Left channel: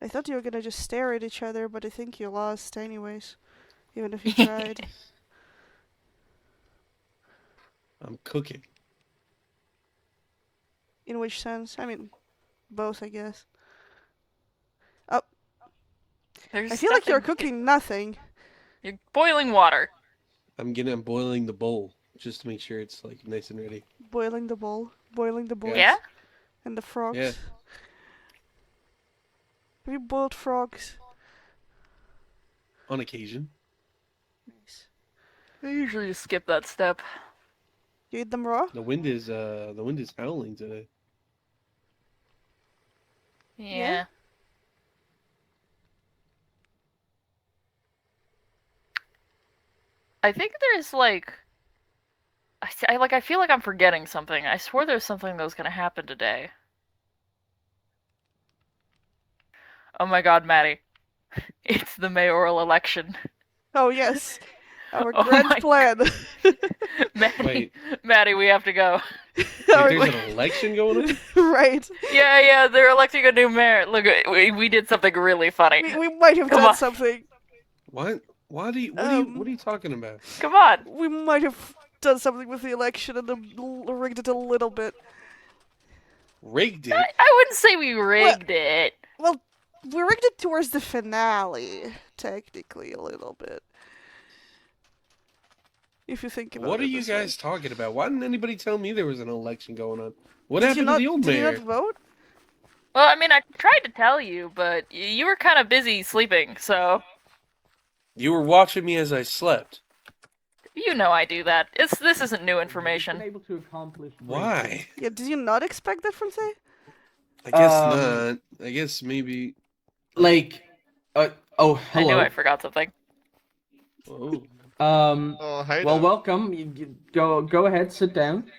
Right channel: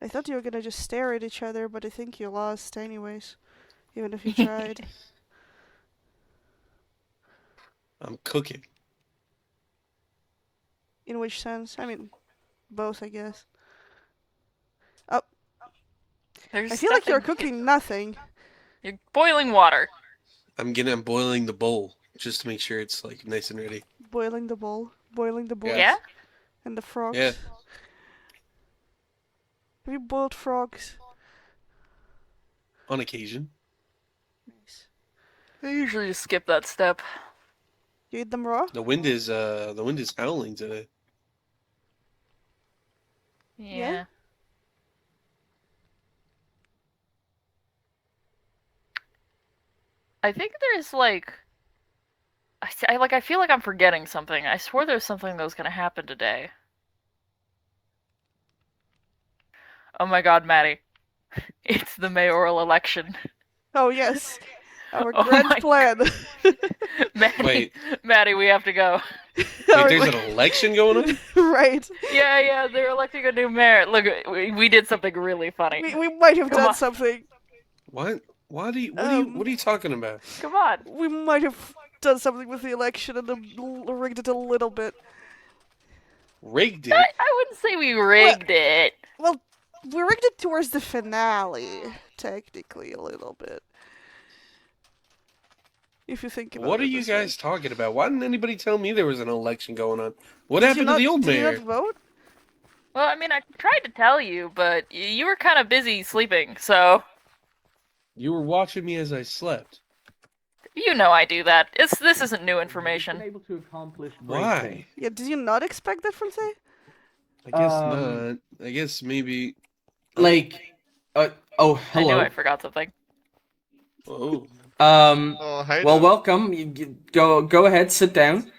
I thought you were gonna just stare at each other, but I think you lost anyways, even if you tried. I'm cooking. In which sense? I mean, both, I guess. Oh, I feel like you're cooking nothing. You're boiling water. I'm boiling the bowl just to make sure it's like nice and ready. Boiling the bowl, boiling the boys, Yeah? and the frogs. Yeah. Have you boiled frogs? On occasion. Nice. I usually just skip that step. You eat them raw? The wind is howling today. Yeah. I think there's like I feel like I'm forgetting something. I swore there's something that was gonna happen today. Oh my god, Mattie. It's the mayoral election. Oh yes, our Oh grand my plan. Wait. Mattie, we have to go. Wait, there's an election going on? Right. Yeah, they're electing a new mayor. Look, we did something really funny. We might have Come done on. something. What? What are you talking about? Come on. We might have done something with the election and rigged it a little bit. Rigged it? I wouldn't say we rigged it. Well, we rigged it towards the finale, technically, a little bit. If you think about it. What are you this guys talking about? Why didn't anybody tell me there was an election going on? What way. happened to the old Did you mayor? not vote? Well, I mean, I tried to tell you, but you were kind of busy sleeping, so... You were watching me as I slept. You know I do that. This isn't new information. Able to accomplish Why? Yeah, did you not expect that from Say? I guess not. I guess maybe. like hello. I knew I forgot something. Oh. Oh, hi Well, there. welcome. Go ahead, sit down.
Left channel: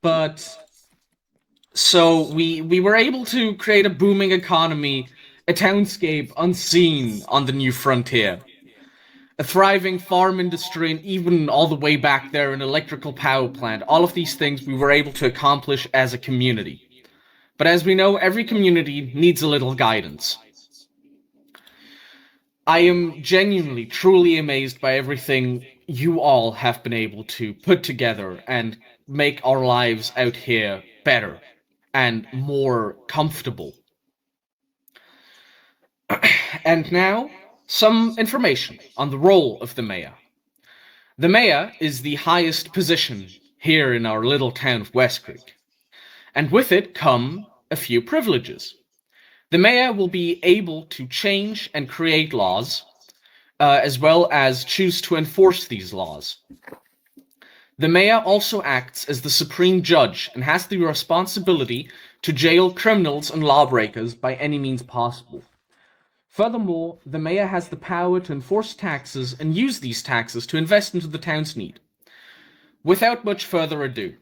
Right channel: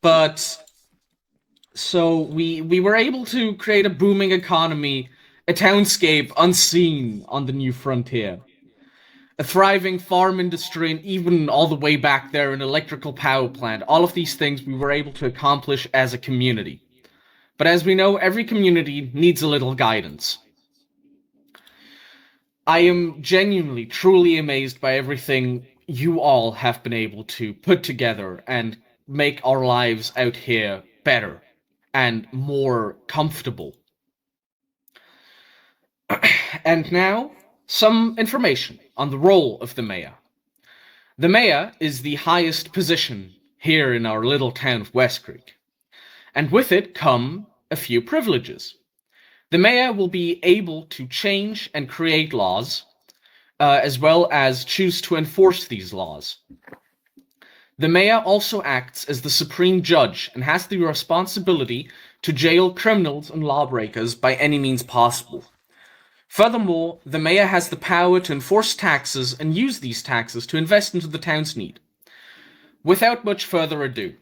But so we were able to create a booming economy, a townscape unseen on the new frontier. A thriving farm industry, and even all the way back there, an electrical power plant. All of these things we were able to accomplish as a community. But as we know, every community needs a little guidance. I am genuinely, truly amazed by everything you all have been able to put together and make our lives out here better and more comfortable. And now, some information on the role of the mayor. The mayor is the highest position here in our little town of WESTCREEK, and with it come a few privileges. The mayor will be able to change and create laws, as well as choose to enforce these laws. The mayor also acts as the supreme judge and has the responsibility to jail criminals and lawbreakers by any means possible. Furthermore, the mayor has the power to enforce taxes and use these taxes to invest into the town's need. Without much further ado,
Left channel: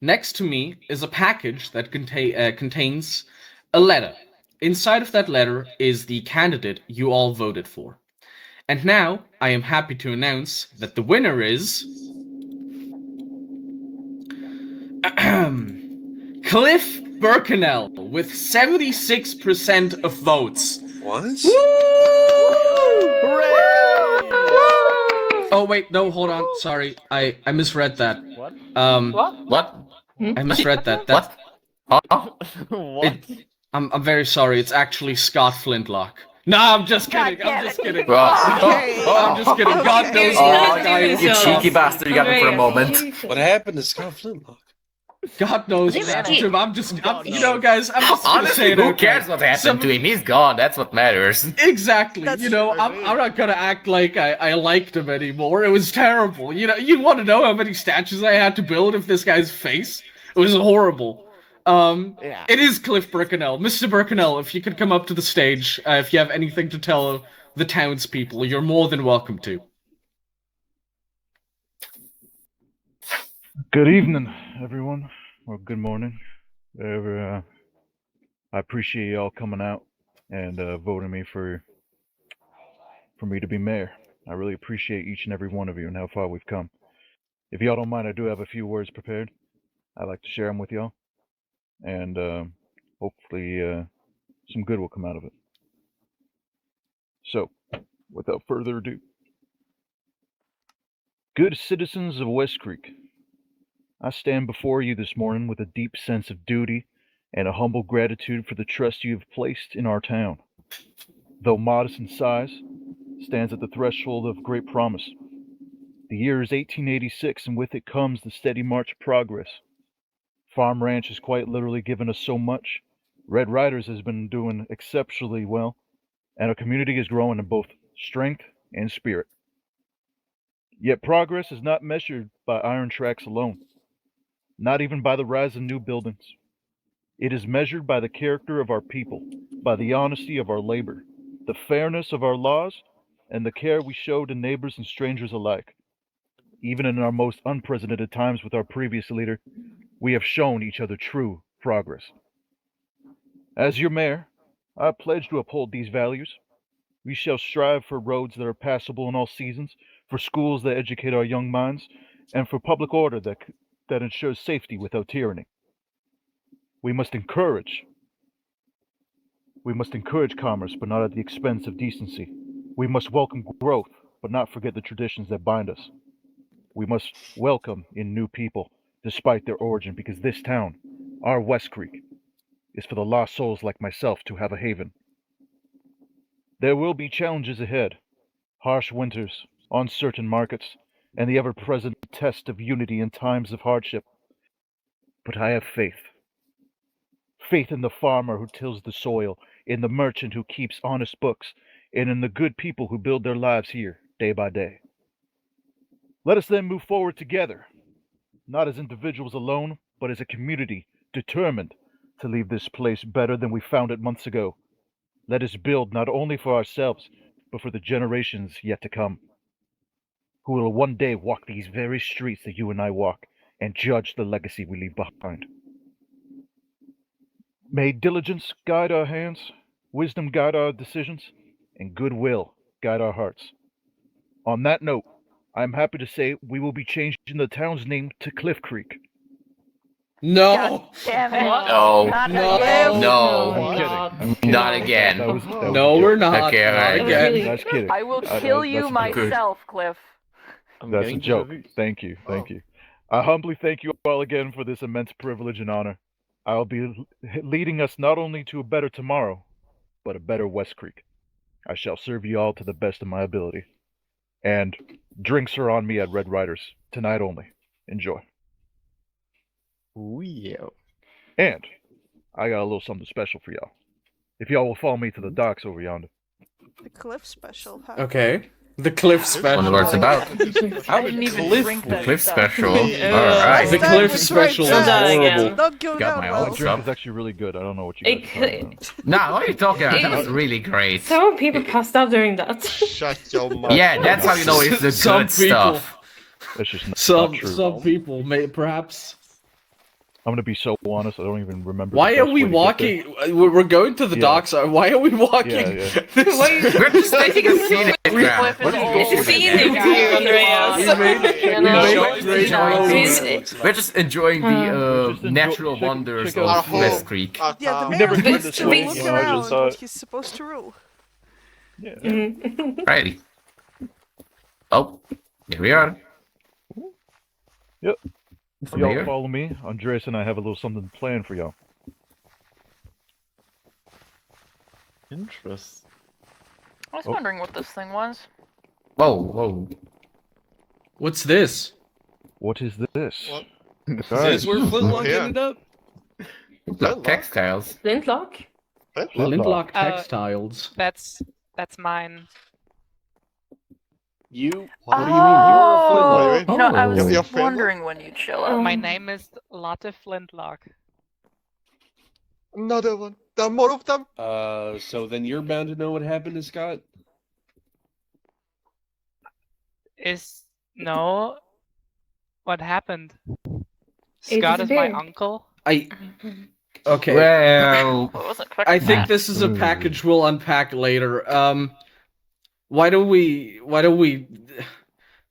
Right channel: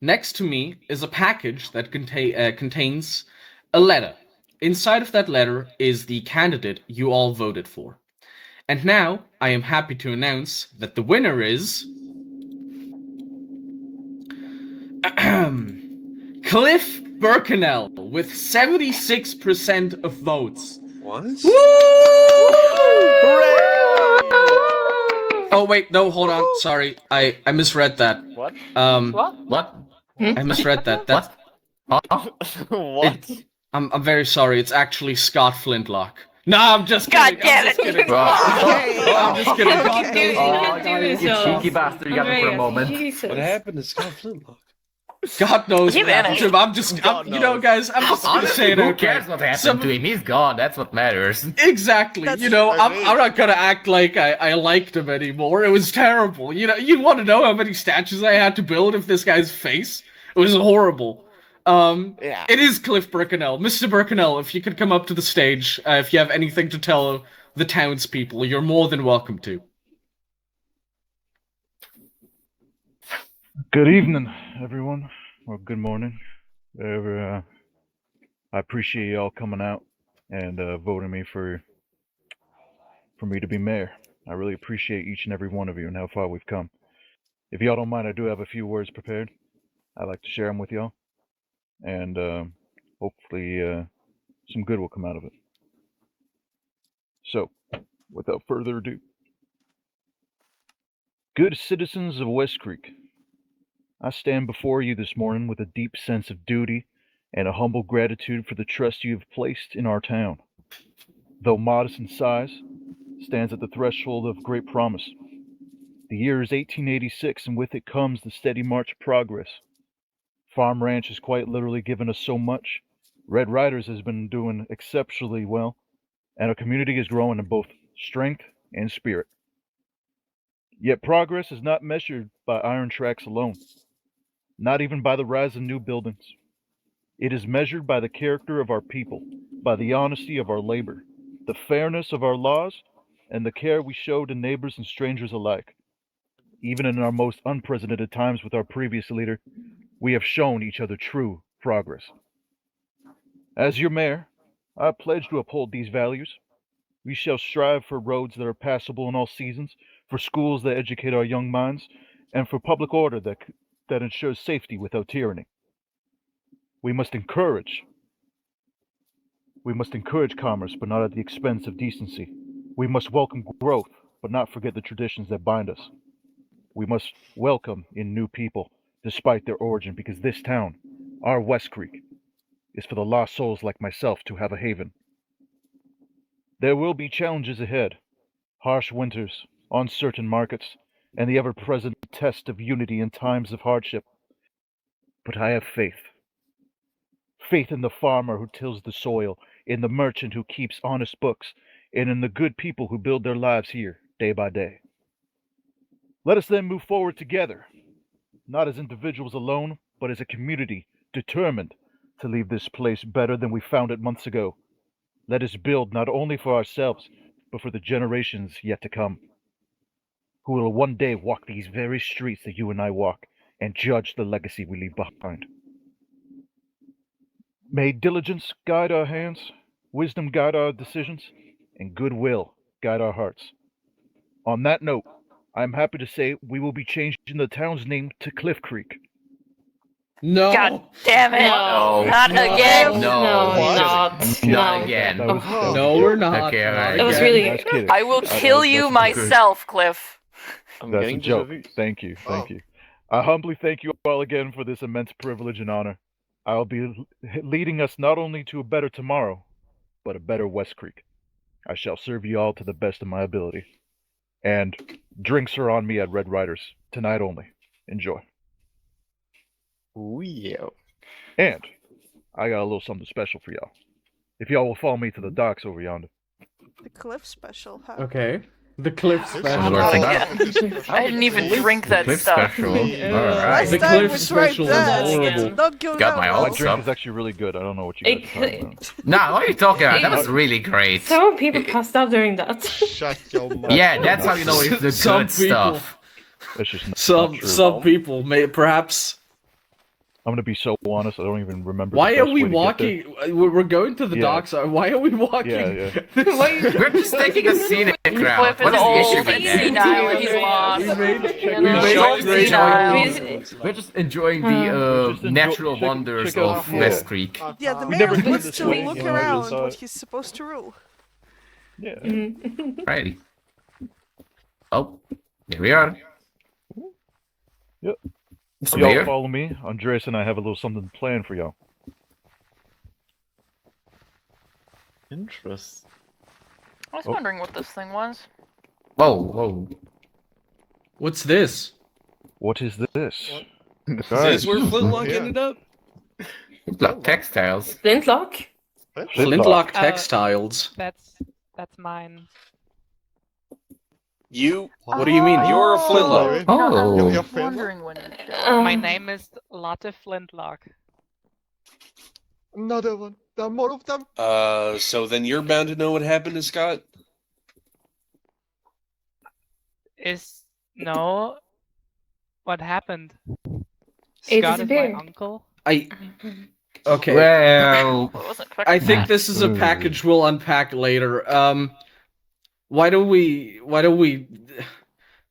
next to me is a package that contains a letter. Inside of that letter is the candidate you all voted for. And now, I am happy to announce that the winner is... Cliff Bercanel, with 76% of votes. What? Woo! Oh wait, no, hold on. Sorry, I misread that. What? What? I misread that. What? What? I'm very sorry. It's actually Scott Flintlock. No, I'm just kidding. I'm just kidding. I'm just kidding. God knows where You cheeky bastard, you got me for a moment. What happened to Scott Flintlock? God knows Leave what happened to him. You know, guys, I'm just gonna say it who out cares there. what happened to him? He's gone. That's what matters. Exactly. That's You know, I'm not gonna act like I liked him anymore. It was terrible. You know, you want to know how many statues I had to build of this guy's face? It was horrible. Yeah. It is Cliff Bercanel. Mr. Bercanel, if you could come up to the stage, if you have anything to tell the townspeople, you're more than welcome to. Good evening, everyone. Or good morning. I appreciate y'all coming out and voting me for for me to be mayor. I really appreciate each and every one of you and how far we've come. If y'all don't mind, I do have a few words prepared. I'd like to share them with y'all. And hopefully some good will come out of it. So, without further ado, good citizens of West Creek, I stand before you this morning with a deep sense of duty and a humble gratitude for the trust you have placed in our town. Though modest in size, stands at the threshold of great promise. The year is 1886, and with it comes the steady march of progress. Farm Ranch has quite literally given us so much. Red Riders has been doing exceptionally well, and our community is growing in both strength and spirit. Yet progress is not measured by iron tracks alone, not even by the rise of new buildings. It is measured by the character of our people, by the honesty of our labor, the fairness of our laws, and the care we show to neighbors and strangers alike. Even in our most unprecedented times with our previous leader, we have shown each other true progress. As your mayor, I pledge to uphold these values. We shall strive for roads that are passable in all seasons, for schools that educate our young minds, and for public order that ensures safety without tyranny. We must encourage commerce, but not at the expense of decency. We must welcome growth, but not forget the traditions that bind us. We must welcome in new people, despite their origin, because this town, our West Creek, is for the lost souls like myself to have a haven. There will be challenges ahead, harsh winters, uncertain markets, and the ever-present test of unity in times of hardship. But I have faith. Faith in the farmer who tills the soil, in the merchant who keeps honest books, and in the good people who build their lives here, day by day. Let us then move forward together, not as individuals alone, but as a community, determined to leave this place better than we found it months ago. Let us build not only for ourselves, but for the generations yet to come, who will one day walk these very streets that you and I walk, and judge the legacy we leave behind. May diligence guide our hands, wisdom guide our decisions, and goodwill guide our hearts. On that note, I am happy to say we will be changing the town's name to Cliff Creek. No. God damn it! No. Not No. again! No. I'm kidding. Not again. That was a No, joke. we're not. Okay, Not alright. It was again. really- I was kidding. I will kill you that's a joke. myself, Cliff. That's a joke. Thank you. Thank you. I humbly thank you all again for this immense privilege and honor. I'll be leading us not only to a better tomorrow, but a better West Creek. I shall serve you all to the best of my ability. And drinks are on me at Red Riders, tonight only. Enjoy. Ooh, yeah. And I got a little something special for y'all. If y'all will follow me to the docks over yonder. The Cliff special, huh? Okay. The Cliff Wonder special. what it's about. I didn't even drink that Cliff stuff. special. Last The time Cliff was right special is there. horrible. Not going Got down my well. own The stuff. drink is actually really good. I don't know what you guys are talking about. Nah, what are you talking about? That was really great. Several people passed out during that. Shut your mouth. Yeah, that's how you know it's the Some good people. stuff. That's just not true. Some people may perhaps. I'm gonna be so honest. I don't even remember. Why the are best we way to get there. walking? We're going to the Yeah. docks. Why are we walking? Yeah. We're just taking a scenic route. Cliff What is is the issue with that? We're just enjoying the Just enjoy- natural check- wonders check out of the West floor. Creek. Yeah, the We mayor never did needs this to before, look so I around just thought- what he's supposed to rule. Yeah. Righty. Oh, there we are. Yep. Mr. Y'all Mayor. follow me. Andres and I have a little something planned for y'all. Interest. I was Oh. wondering what this thing was. Whoa, whoa. What's this? What is this? Is Guys, this where Flintlock Yeah. ended up? Like textiles. Flintlock? Flintlock Uh, textiles. That's mine. You? What do you mean? You're a Flintlock. Oh. No, I was Oh. Your friend? wondering when you'd show up. My name is Lotte Flintlock. Another one. There are more of them. So then you're bound to know what happened to Scott? No. What happened? He Scott is my disappeared. uncle. Okay. Well, I wasn't expecting I think that. this is a package we'll unpack later. Why don't we?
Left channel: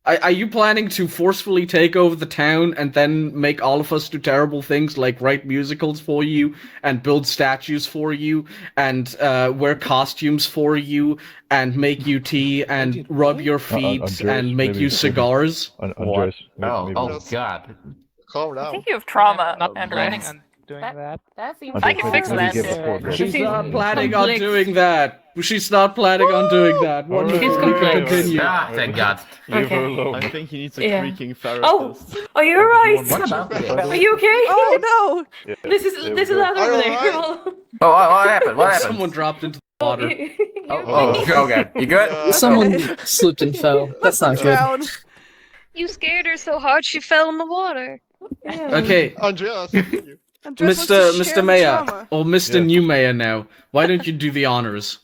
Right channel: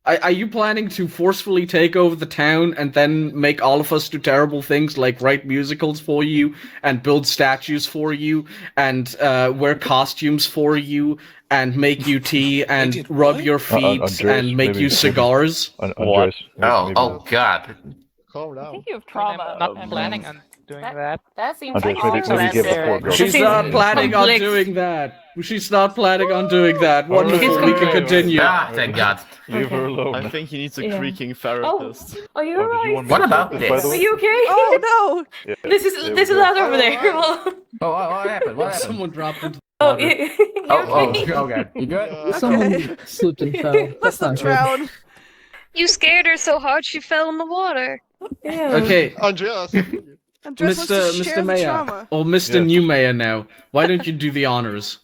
Are you planning to forcefully take over the town and then make all of us do terrible things like write musicals for you and build statues for you and wear costumes for you and make you tea and rub your feet Andres, and make maybe- you cigars? Andres, Oh God. Calm I down. think you have But trauma. I'm not and planning rings. on doing That- that. That seems Andres, I can maybe, fix maybe that. give the floor. Go. She's seems not planning on complex. doing that. She's not planning on doing that. Wonderful. Alright, We can alright, continue. Ah, thank God. Leave her alone. I think he needs a Yeah. creaking Oh, therapist. are you Oh, did you alright? want me What to about check, this? by the Are way? you okay? Oh Yeah, This is there we go. that over there. Alright. Oh, what happened? What happened? Someone dropped into the Oh, water. you Oh, okay? okay. You good? Yeah. Someone Slipped and fell. Must have drowned. You scared her so hard she fell in the water. Yeah. Okay, Andreas, you. Andres wants to Mr. share the Mayor, trauma. or Mr. Yes. New Mayor now. Why don't you do the honors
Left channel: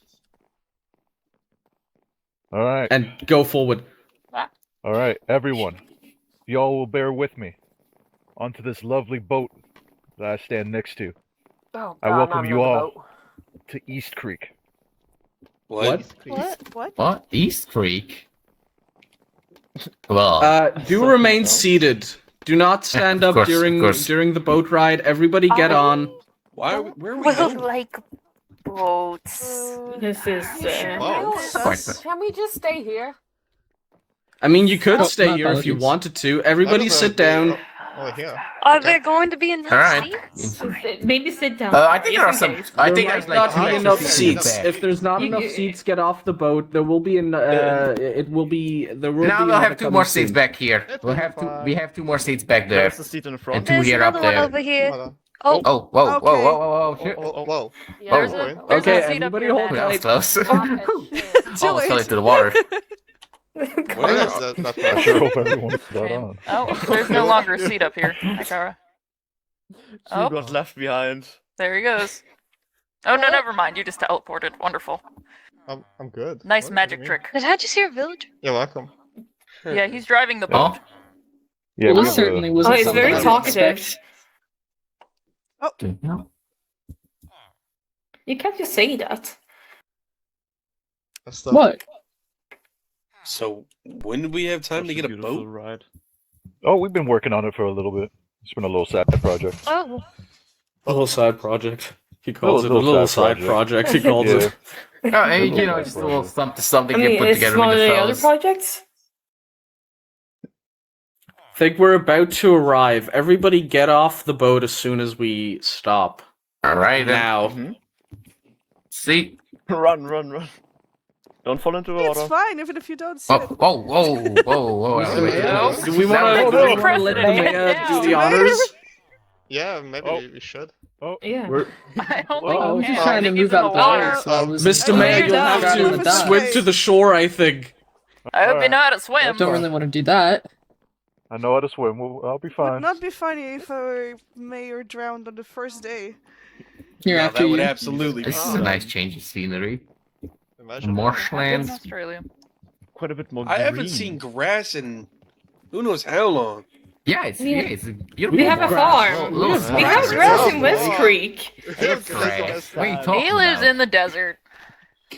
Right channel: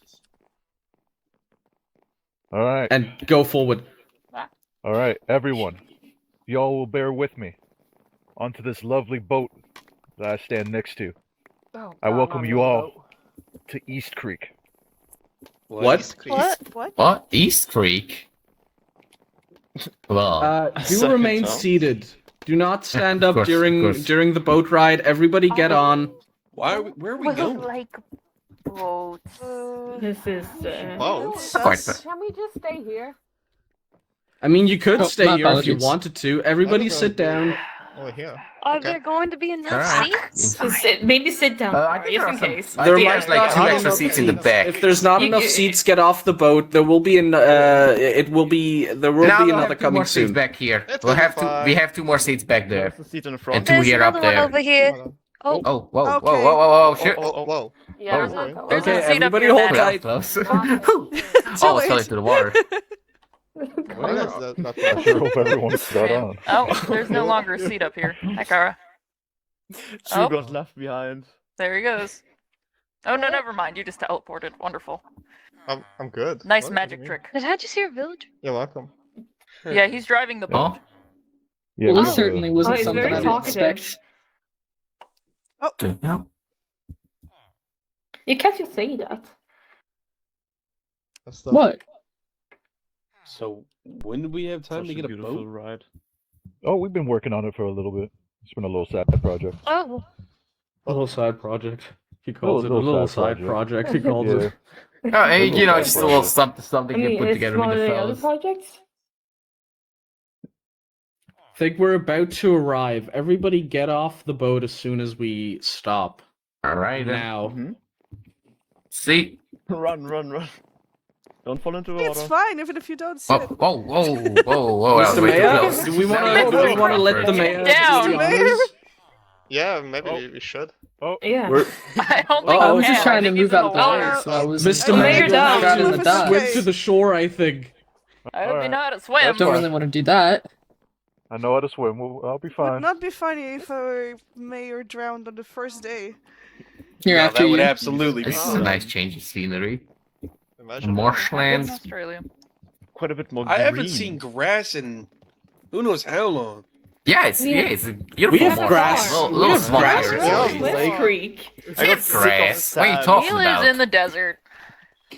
Alright, and go forward? alright, everyone. Y'all will bear with me. Onto this lovely boat that I stand next to. Oh, I God, welcome not you another all boat. to East Creek. What? What? What? East Creek? Well, Do Second remain time. seated. Do not stand Of up course, during of course. during the boat ride. Everybody get on. Why? Where are we Well, going? like boats. This is. Boats? Sus. Can we just stay here? I mean, you could Oh, stay my here if you apologies. wanted to. Everybody sit down. Oh, here. Are Okay. there going to be enough Alright. seats? Maybe sit down. I think there are just some. in case. I There think might there's like not two be extra enough seats in the seats. back. If there's not You enough get- seats, get off the boat. There will be there will be Now we'll another have two coming more seats soon. back here. It's We'll have fine. we have two more seats back there. There's a seat in the front. And two There's here up another one there. over here. Hold on. Oh, Oh, whoa, whoa, Okay. whoa, whoa, whoa, shit. Oh, whoa. Yeah. There's sorry. a there's Okay, a seat up everybody here. hold Matt. That was tight. close. Too Almost fell late. into the water. What is that? I sure hope everyone's got on. Oh, there's no longer a seat up here. Hi, Kara. Oh. got left behind. There he goes. Oh no, never mind. You just teleported. Wonderful. I'm good. Nice What? What do magic you mean? trick. did I just hear a village? You're welcome. Yeah, he's driving the boat. Oh, Yeah, Well, we, this certainly wasn't Oh, it's something very I would talkative. expect. no. You can't just say that. That's the What? So when did we have time to get a boat? ride. oh, we've been working on it for a little bit. It's been a little side project. Oh, A little side project. He calls it a little side project. He calls Yeah. it. Oh, hey, Little you know, bit just a of little project. something I you mean, put it's together smaller with than the the other fellas. projects. Think we're about to arrive. Everybody get off the boat as soon as we stop. All right, Now. Mm-hmm. See. Run. Don't fall into the It's water. fine, even if you don't Whoa, sit. whoa, whoa! Mr. Way too Mayor, close. do we want That to was let the first. mayor Down. do the Mr. Mayor? honors? Yeah, maybe Oh. we should. Yeah. We're- I don't Oh, think I I was he just can. trying I to think he's move in out of the water. water, so I was. Mr. I Mayor, laid you'll down. have Live to us swim away. to the shore, I think. I hope you Alright. know how to swim. Don't really want to do that. I know how to swim. I'll be Would fine. not be funny if our mayor drowned on the first day. Here No, after that would you. absolutely. This is Oh. a nice change of scenery. Imagine. In Marshlands. Australia. Quite a bit more I haven't seen grass in who knows how long. Yeah, it's a beautiful. We have farm. grass. Little We have small grass. grass. in West Creek. Grass. What are you He talking lives about? in the desert.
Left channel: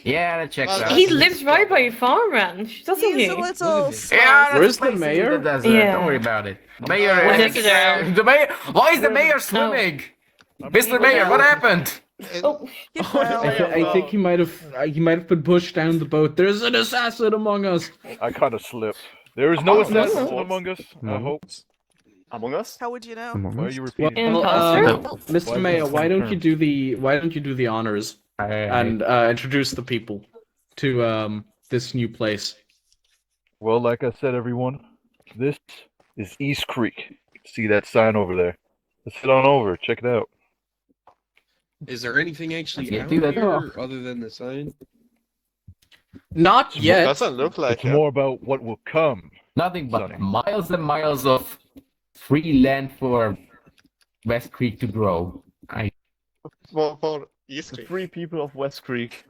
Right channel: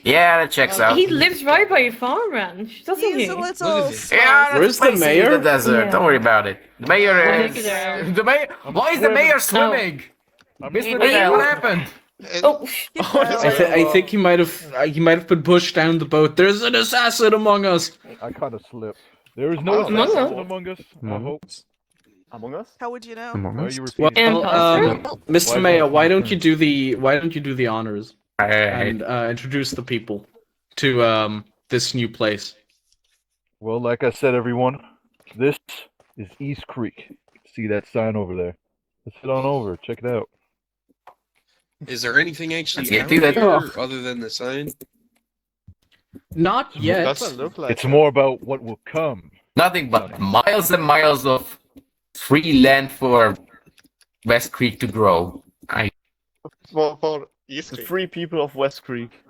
Yeah, that checks out. He lives right by a farm ranch, doesn't He's he? a little Yeah, sloth. that's Where's the spicy mayor? with the desert. Yeah. Don't worry about it. The mayor Well, is. check it out. The mayor. Why is the mayor swimming? Mr. Mayor, what happened? Oh, He fell. I think he might have been pushed down the boat. There's an assassin among us. I kind of slipped. There is no assassin us. among us. I hope. Among Us? How would you know? Why are you repeating? Well, Imposter? Mr. Mayor, why don't you do the honors and introduce the people to this new place? Well, like I said, everyone, this is East Creek. See that sign over there? Let's head on over. Check it out. Is there anything actually Yeah, out do that. here other than the sign? Not yet. Doesn't look like It's more about what will come. Nothing but miles and miles of free land for West Creek to grow. for East Creek. Free people of West Creek.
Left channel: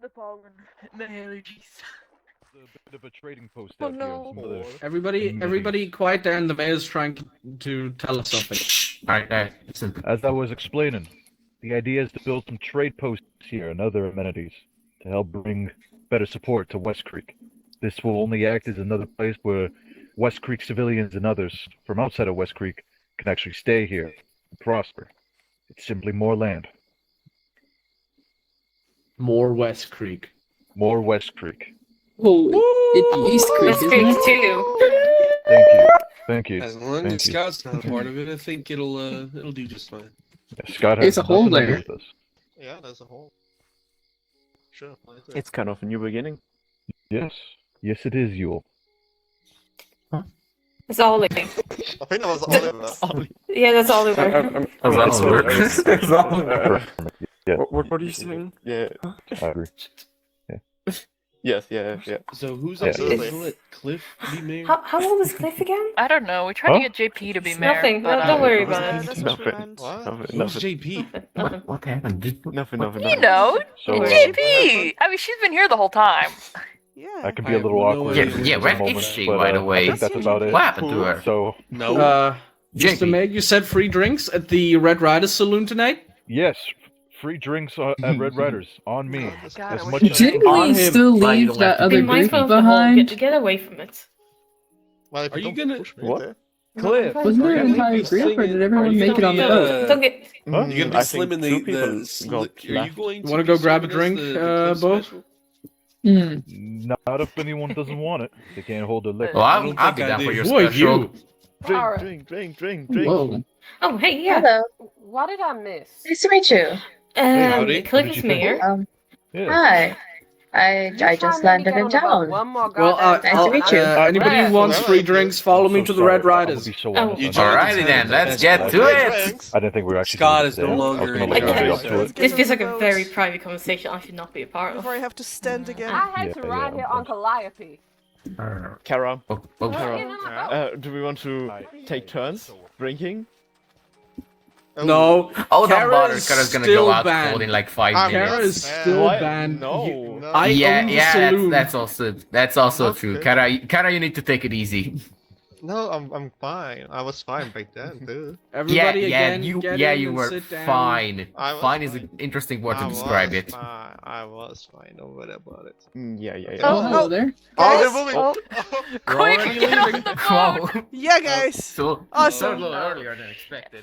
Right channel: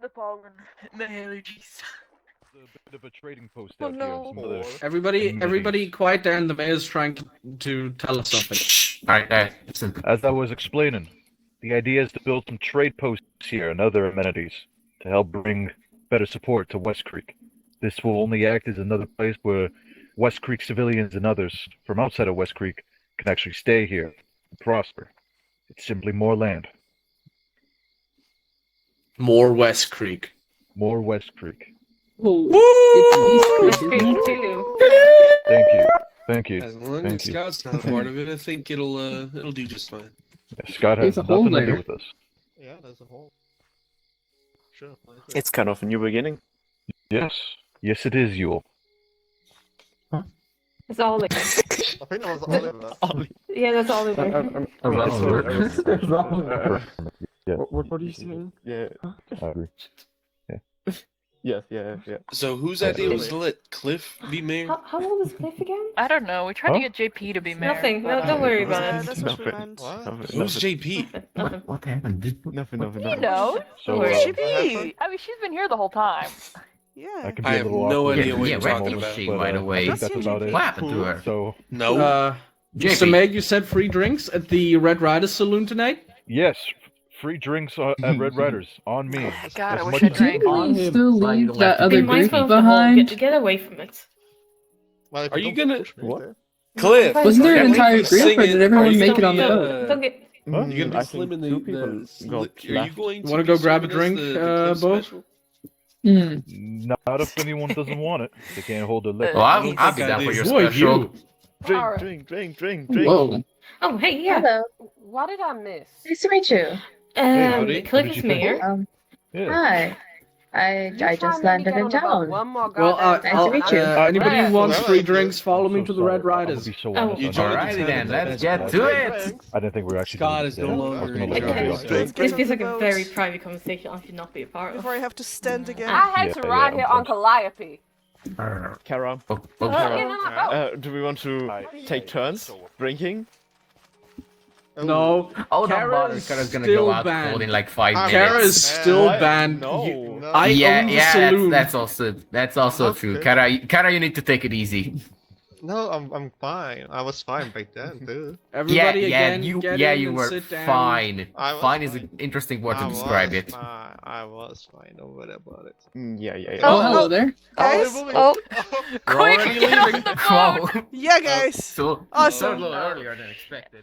The pollen, the allergies. A bit of a trading post Oh, out here on no. some other Everybody, quiet there, and the mayor's trying to tell us something. Alright, listen. As I was explaining, the idea is to build some trade posts here and other amenities to help bring better support to West Creek. This will only act as another place where West Creek civilians and others from outside of West Creek can actually stay here and prosper. It's simply more land. More West Creek. More West Creek. Oh, it's East Creek, West isn't Creek it? too. Thank you. Thank you. As long as Thank you. Scott's not a part of it, I think it'll do just fine. Yeah, Scott has There's a hole nothing to do there. with this. Yeah, there's a hole. Sure. It's kind of a new beginning. Yes. Yes, it is, Yule. It's all it. I think that was Oliver. Yeah, that's all it. Yeah. What are you saying? Yeah. I agree. Yes, yeah. So whose idea was to let Cliff be mayor? How old is Cliff again? I don't know. We tried Huh? to get JP to be mayor. Nothing. but, No, don't worry about Yeah, it. that's what we meant. Who's JP? Nothing. What happened? Nothing. You know, So, JP. I mean, she's been here the whole time. I Yeah. can I be a have little no awkward. idea Yeah, what where you're is talking she, about. by the way? I think that's about it. What happened to her? So, No. Mr. JP. Meg, you said free drinks at the Red Rider Saloon tonight? yes, free drinks at Red Riders on me. Oh, God, As I much wish as I Didn't On we him, still by leave the that way. other Be mindful group of the hole. behind? Get away from it. Well, Are you gonna? What? Cliff! Wasn't there an Are you entire gonna group, sing or it? did Are everyone you make it gonna on the be, boat? Don't get. You're gonna be I slim think in two the people sli- got Are you left. going to Wanna be go grab a serving us drink, the Cliff Bo? special? not if anyone doesn't want it. They can't hold their liquor. Well, I I'll don't be think I down for do. your Who are special. you? Drink. Whoa. Oh, hey, yeah. Hello. What did I miss? Nice to meet you. howdy. Cliff What did is you think? mayor. Yeah. Hi. I just landed in town. Well, Nice to meet you. anybody who wants Well, free I'm drinks, so- follow I'm me so to the sorry. Red I'm gonna Riders. be so Oh. honest. You I joined know- Alrighty the then, town let's fest get tonight. to it. I didn't think we were actually Scott gonna is do no that. longer I was gonna in let charge. everybody Let's else do it. get This on feels the like a boat very private conversation I should not be a part of. before I have to stand again. I had Yeah, to yeah, ride I'm here fine. on Calliope. Kara, Oh, do we want to take turns drinking? No, oh, don't Kara bother. is Kara's gonna still go out banned. cold in like 5 I'm minutes. Kara is still What? banned. No. I yeah, own the yeah, saloon. that's also true. Okay. Kara, you need to take it easy. No, I'm fine. I was fine back then, too. Everybody again, you get in you and were sit down. fine. I was Fine is fine. an interesting word I to describe was it. Fine. I was fine. Don't worry about it. Yeah. Oh, hello there. Guys? Oh, We're Quick, already get off leaving. the boat. Wow. Yeah, guys. So Awesome. a little earlier than expected.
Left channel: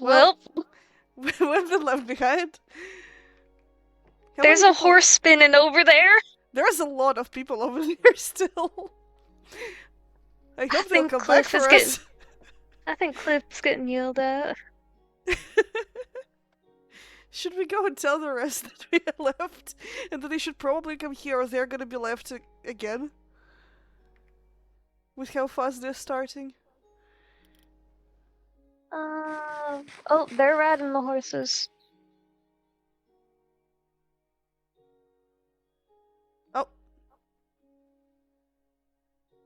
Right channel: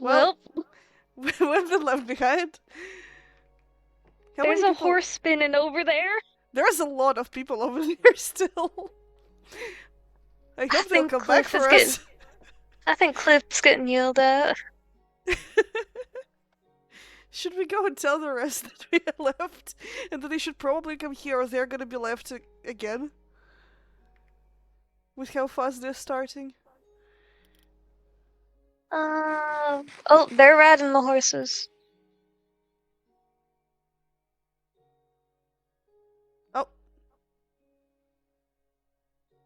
Well, we've been left behind. How there's many a people- horse spinning over there. There's a lot of people over there still. I hope they'll think come back Cliff for is us. I think Cliff's getting yelled at. Should we go and tell the rest that we are left? And that they should probably come here or they're gonna be left again? With how fast they're starting? Oh, they're riding the horses. Oh.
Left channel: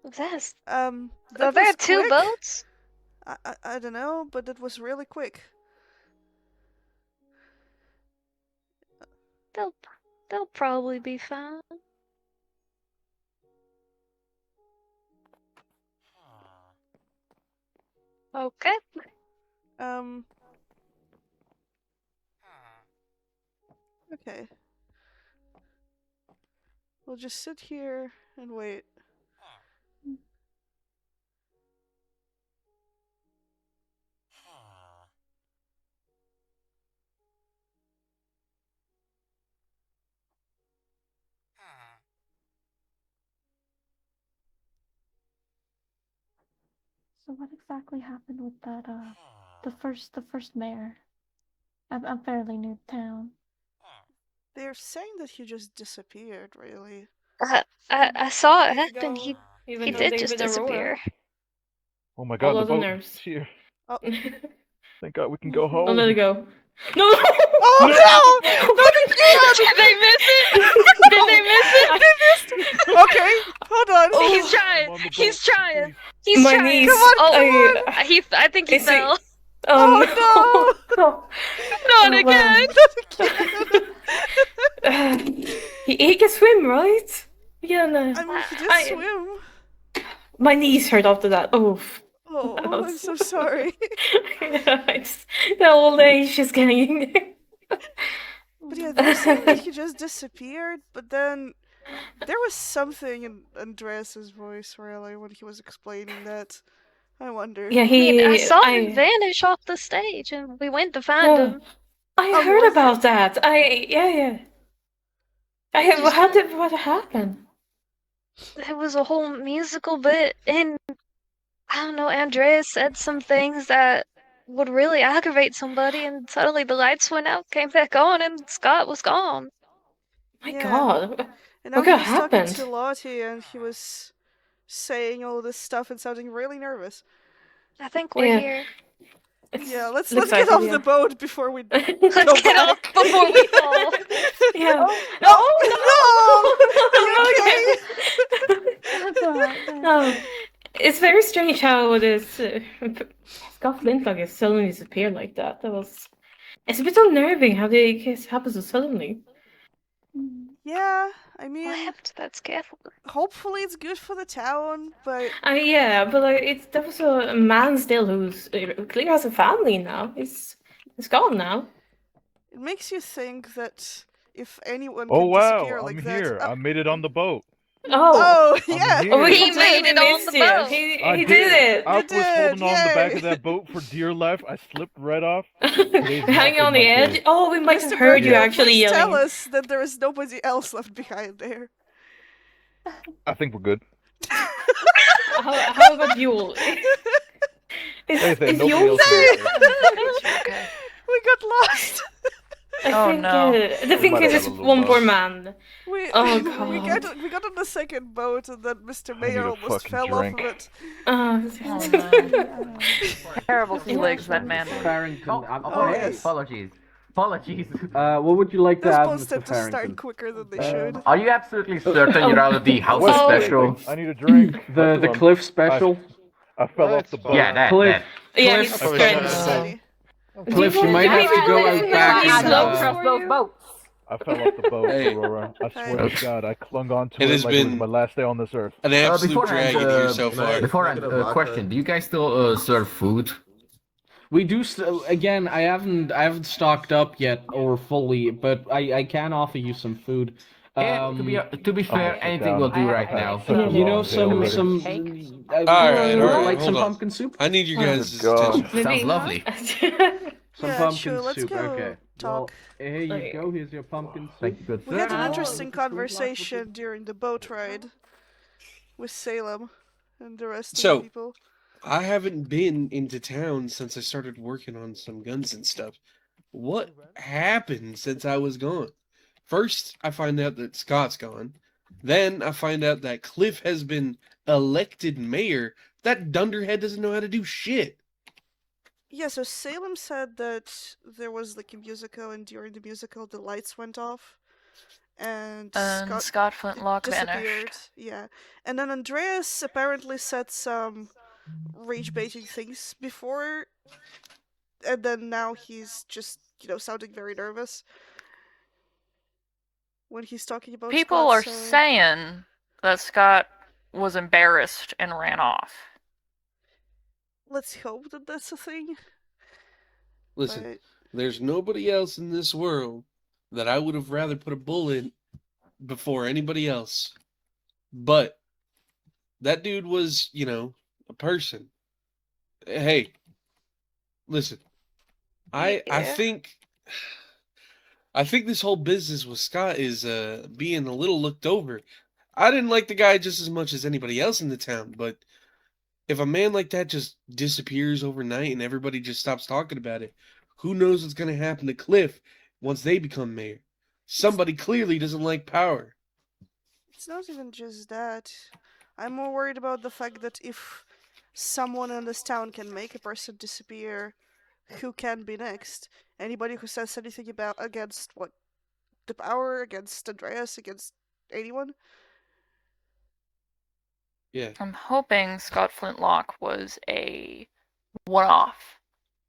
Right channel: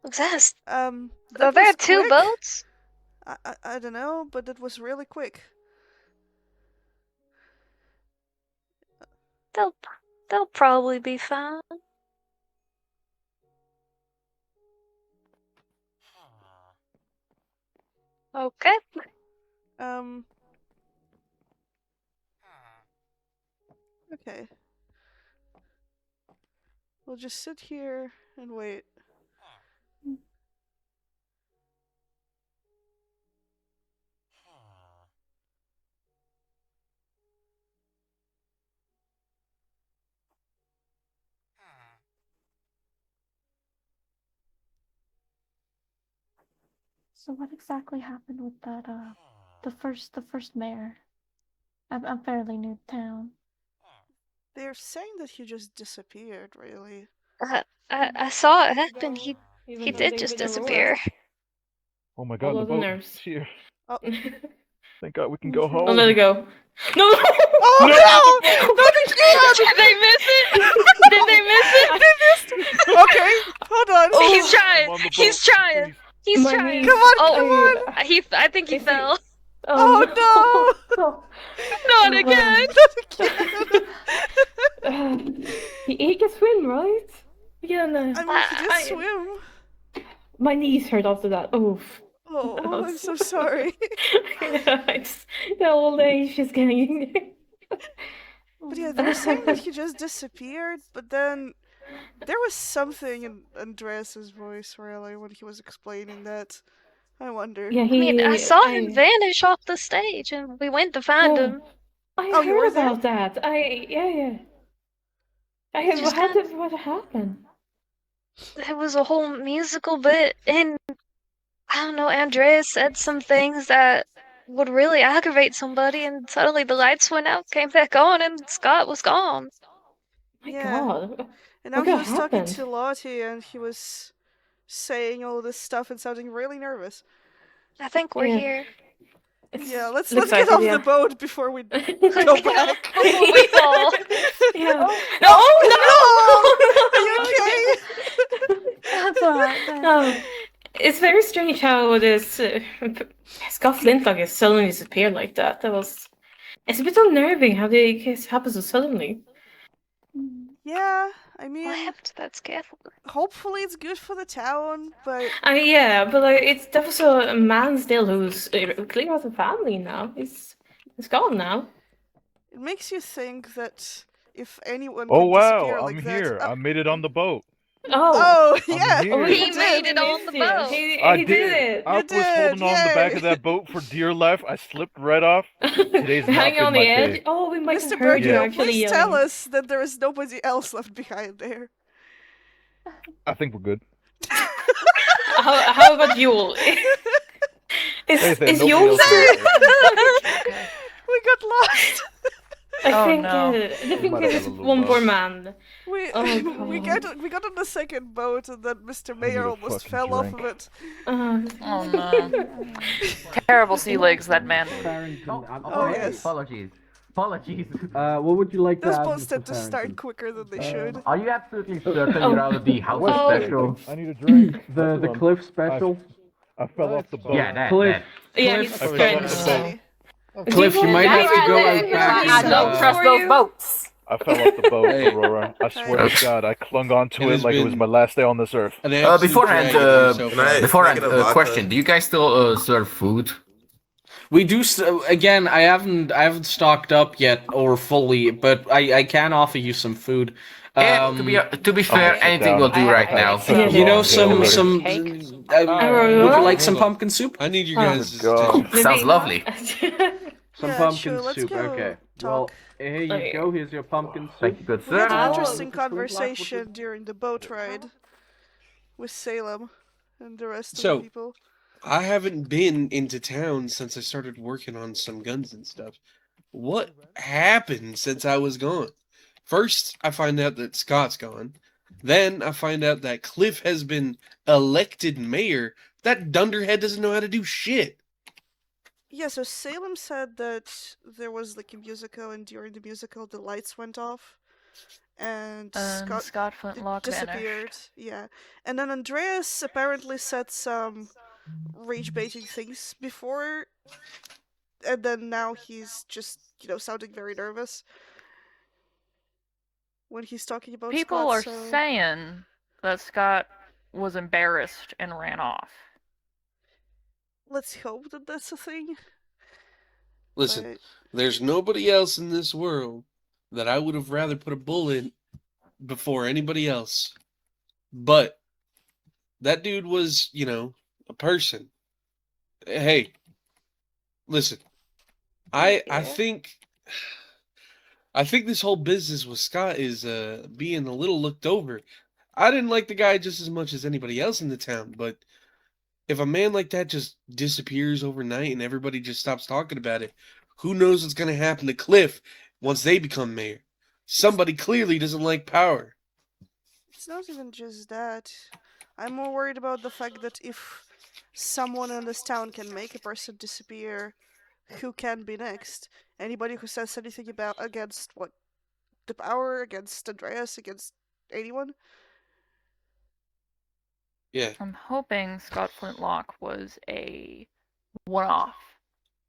What's that? That Are there was two quick. boats? I don't know, but it was really quick. They'll probably be fine. Okay. Okay. We'll just sit here and wait. So what exactly happened with that, the first mayor? I'm fairly new to town. They're saying that he just disappeared, really. I saw it happen. He Even though did they've just been disappear. Oh my All god, the those boat nerves. is here. Oh. Thank god we can go home. I'll let it go. No! Oh no! No, they can't! Did they miss it? Did they miss it? They missed it! Okay, hold on. Oh, he's trying. He's trying. He's My trying. knees. Come on, Oh, come on! I think he Is he- fell. Oh no! Not again. Not again! He can swim, right? Yeah, no. I mean, he did swim. My knees hurt after that. Oh. Oh, I'm so sorry. The old age is getting. But yeah, they're saying that he just disappeared, but then there was something in Andreas's voice, really, when he was explaining that. I wonder. Yeah, I mean, I saw him vanish off the stage, and we went to find him. I Oh, he heard was about that. Yeah. What happened? It was a whole musical bit, and I don't know, Andreas said some things that would really aggravate somebody, and suddenly the lights went out, came back on, and Scott was gone. My God. And now he was talking to Lottie, and he was saying all this stuff and sounding really nervous. I think we're here. Yeah, let's get off the boat before we go back. Before we fall. Yeah. Oh, no! Are you okay? No. It's very strange how this Scott Flintlock is suddenly disappeared like that. It's a bit unnerving how this happens so suddenly. Yeah, I mean, We'll have to that's careful. Hopefully it's good for the town, but Yeah, but there was a man still who's clearly has a family now. He's gone now. it makes you think that if anyone Oh can wow, disappear I'm like here. that. I made it on the boat. Oh, I'm yeah. here. He made it on the boat. He did it. I was holding on the back yay. of that boat for dear life. I slipped right off. Today's not Hanging been on the my edge. day. Oh, we might Mr. have heard you Bercanel, actually please yelling. tell us that there is nobody else left behind there. I think we're good. How about you? Is nobody you else is there? We got lost. I think there's one poor man. We Oh, God. we got on the second boat, and then Mr. Mayor almost fell off of it. Oh no. Terrible sea legs, that man. Oh, yes. Apologies. What would you like to Those add, boats Mr. tend to Farrington? start quicker than they should. Are you absolutely certain you're out of the house Oh. special? I need a drink. The Cliff special? I fell off the boat. Yeah, that. Cliff. Yeah, Cliff, he's I fell off the boat. Steady. Cliff, you might have to go out back. I and, don't trust those boats. I fell off the boat, Hey. Aurora. I swear to God, I clung on to It it has like it was been- my last day on this earth. An absolute Beforehand, drag in here so far. beforehand, question: do you guys still serve food? We do again. I haven't stocked up yet or fully, but I can offer you some food. To be fair, anything will do right now. You know, some would you like some hold on. pumpkin soup? I need you guys God. to... Sounds lovely. Some Yeah, pumpkin sure, let's soup. go Okay. talk. Well, here you go. Here's your pumpkin soup. Thank you, good We had sir. an interesting conversation during the boat ride with Salem and the rest of So- the people. I haven't been into town since I started working on some guns and stuff. What happened since I was gone? First, I find out that Scott's gone. Then I find out that Cliff has been elected mayor. That dunderhead doesn't know how to do shit. Yeah, so Salem said that there was like a musical, and during the musical the lights went off, and Scott Flintlock disappeared. vanished. Yeah, and then Andreas apparently said some rage-baiting things before, and then now he's just sounding very nervous when he's talking about People Scott, are so... saying that Scott was embarrassed and ran off. Let's hope that that's a thing. Listen, But there's nobody else in this world that I would have rather put a bullet in before anybody else. But that dude was, a person. Hey, listen, I think this whole business with Scott is being a little looked over. I didn't like the guy just as much as anybody else in the town, but if a man like that just disappears overnight and everybody just stops talking about it, who knows what's going to happen to Cliff once they become mayor? Somebody clearly doesn't like power. it's not even just that. I'm more worried about the fact that if someone in this town can make a person disappear, who can be next? Anybody who says anything against the power, against Andreas, against anyone? Yeah. I'm hoping Scott Flintlock was a one-off.